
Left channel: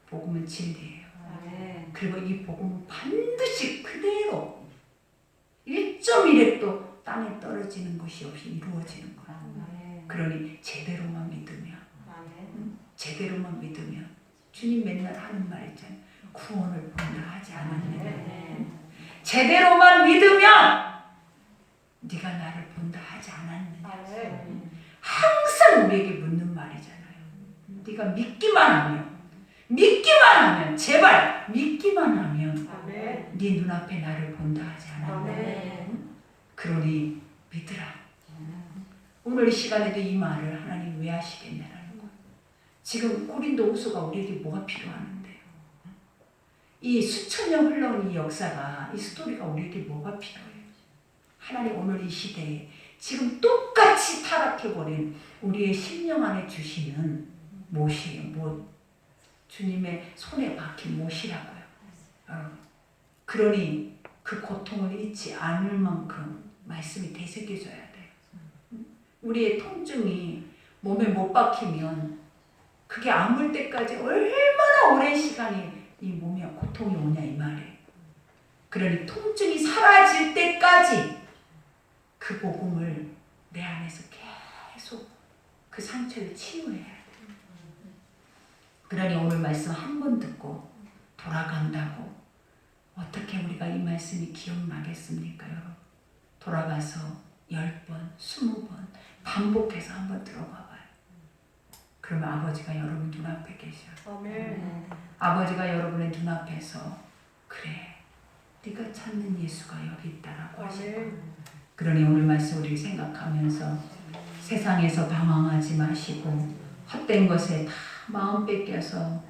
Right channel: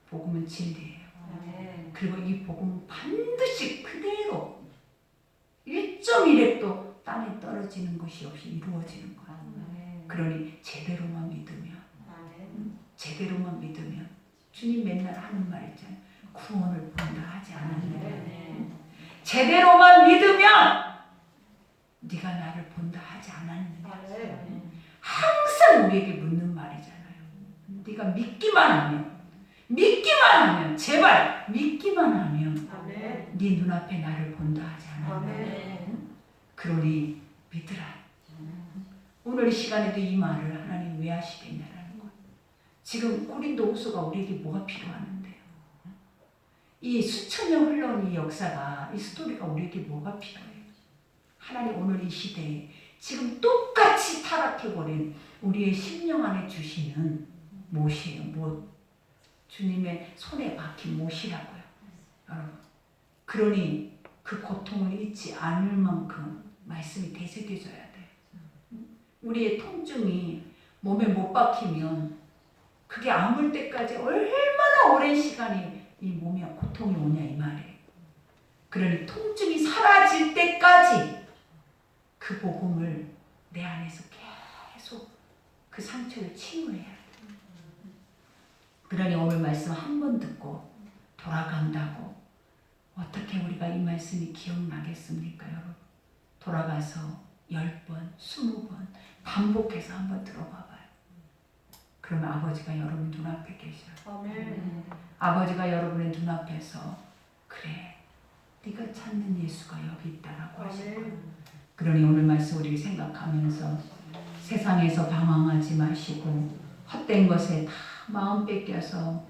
복음은 진리예요. 그리고 이 복음은 반드시 그대로 1.1획도 땅에 떨어지는 것이 없이 이루어지는 거예요. 그러니 제대로만 믿으면 주님 맨날 하는 말 있잖아요. 구원을 본다 하지 않았느냐. 제대로만 믿으면 네가 나를 본다 하지 않았느냐. 항상 우리에게 묻는 말이잖아요. 네가 믿기만 하면 제발 믿기만 하면 네 눈앞에 나를 본다 하지 않았느냐. 그러니 믿으라. 오늘 이 시간에도 이 말을 하나님 왜 하시겠냐라는 거예요. 지금 고린도후서가 우리에게 뭐가 필요한데요? 이 수천 년 흘러온 이 역사가, 이 스토리가 우리에게 뭐가 필요해요? 하나님 오늘 이 시대에 지금 똑같이 타락해버린 우리의 심령 안에 주시는 못이에요. 못. 주님의 손에 박힌 못이라고요. 여러분. 그러니 그 고통을 잊지 않을 만큼 말씀이 되새겨져야 돼요. 우리의 통증이 몸에 못 박히면 그게 아물 때까지 얼마나 오랜 시간이 이 몸에 고통이 오냐 이 말이에요. 그러니 통증이 사라질 때까지 그 복음을 내 안에서 계속 그 상처를 치유해야 돼요. 그러니 오늘 말씀 한 번 듣고 돌아간다고 어떻게 우리가 이 말씀이 기억나겠습니까, 여러분? 돌아가서 10번, 20번 반복해서 한번 들어봐 봐요. 그러면 아버지가 여러분 눈앞에 계셔요. 아멘. 아버지가 여러분의 눈앞에서 그래, 네가 찾는 예수가 여기 있다라고 하실 거예요. 그러니 오늘 말씀 우리 생각하면서 세상에서 방황하지 마시고 헛된 것에 다 마음 뺏겨서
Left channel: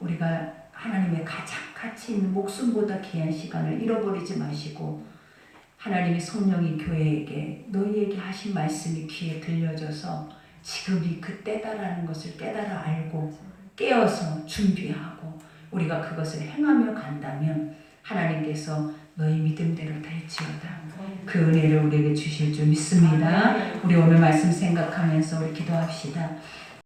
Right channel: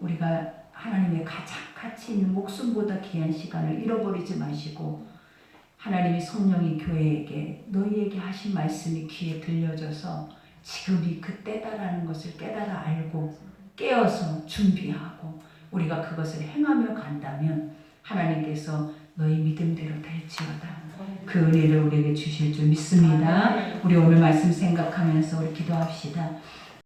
우리가 하나님의 가장 가치 있는 목숨보다 귀한 시간을 잃어버리지 마시고 하나님의 성령이 교회에게 너희에게 하신 말씀이 귀에 들려져서 지금이 그때다라는 것을 깨달아 알고 깨어서 준비하고 우리가 그것을 행하며 간다면 하나님께서 너희 믿음대로 될지어다. 그 은혜를 우리에게 주실 줄 믿습니다. 우리 오늘 말씀 생각하면서 우리 기도합시다.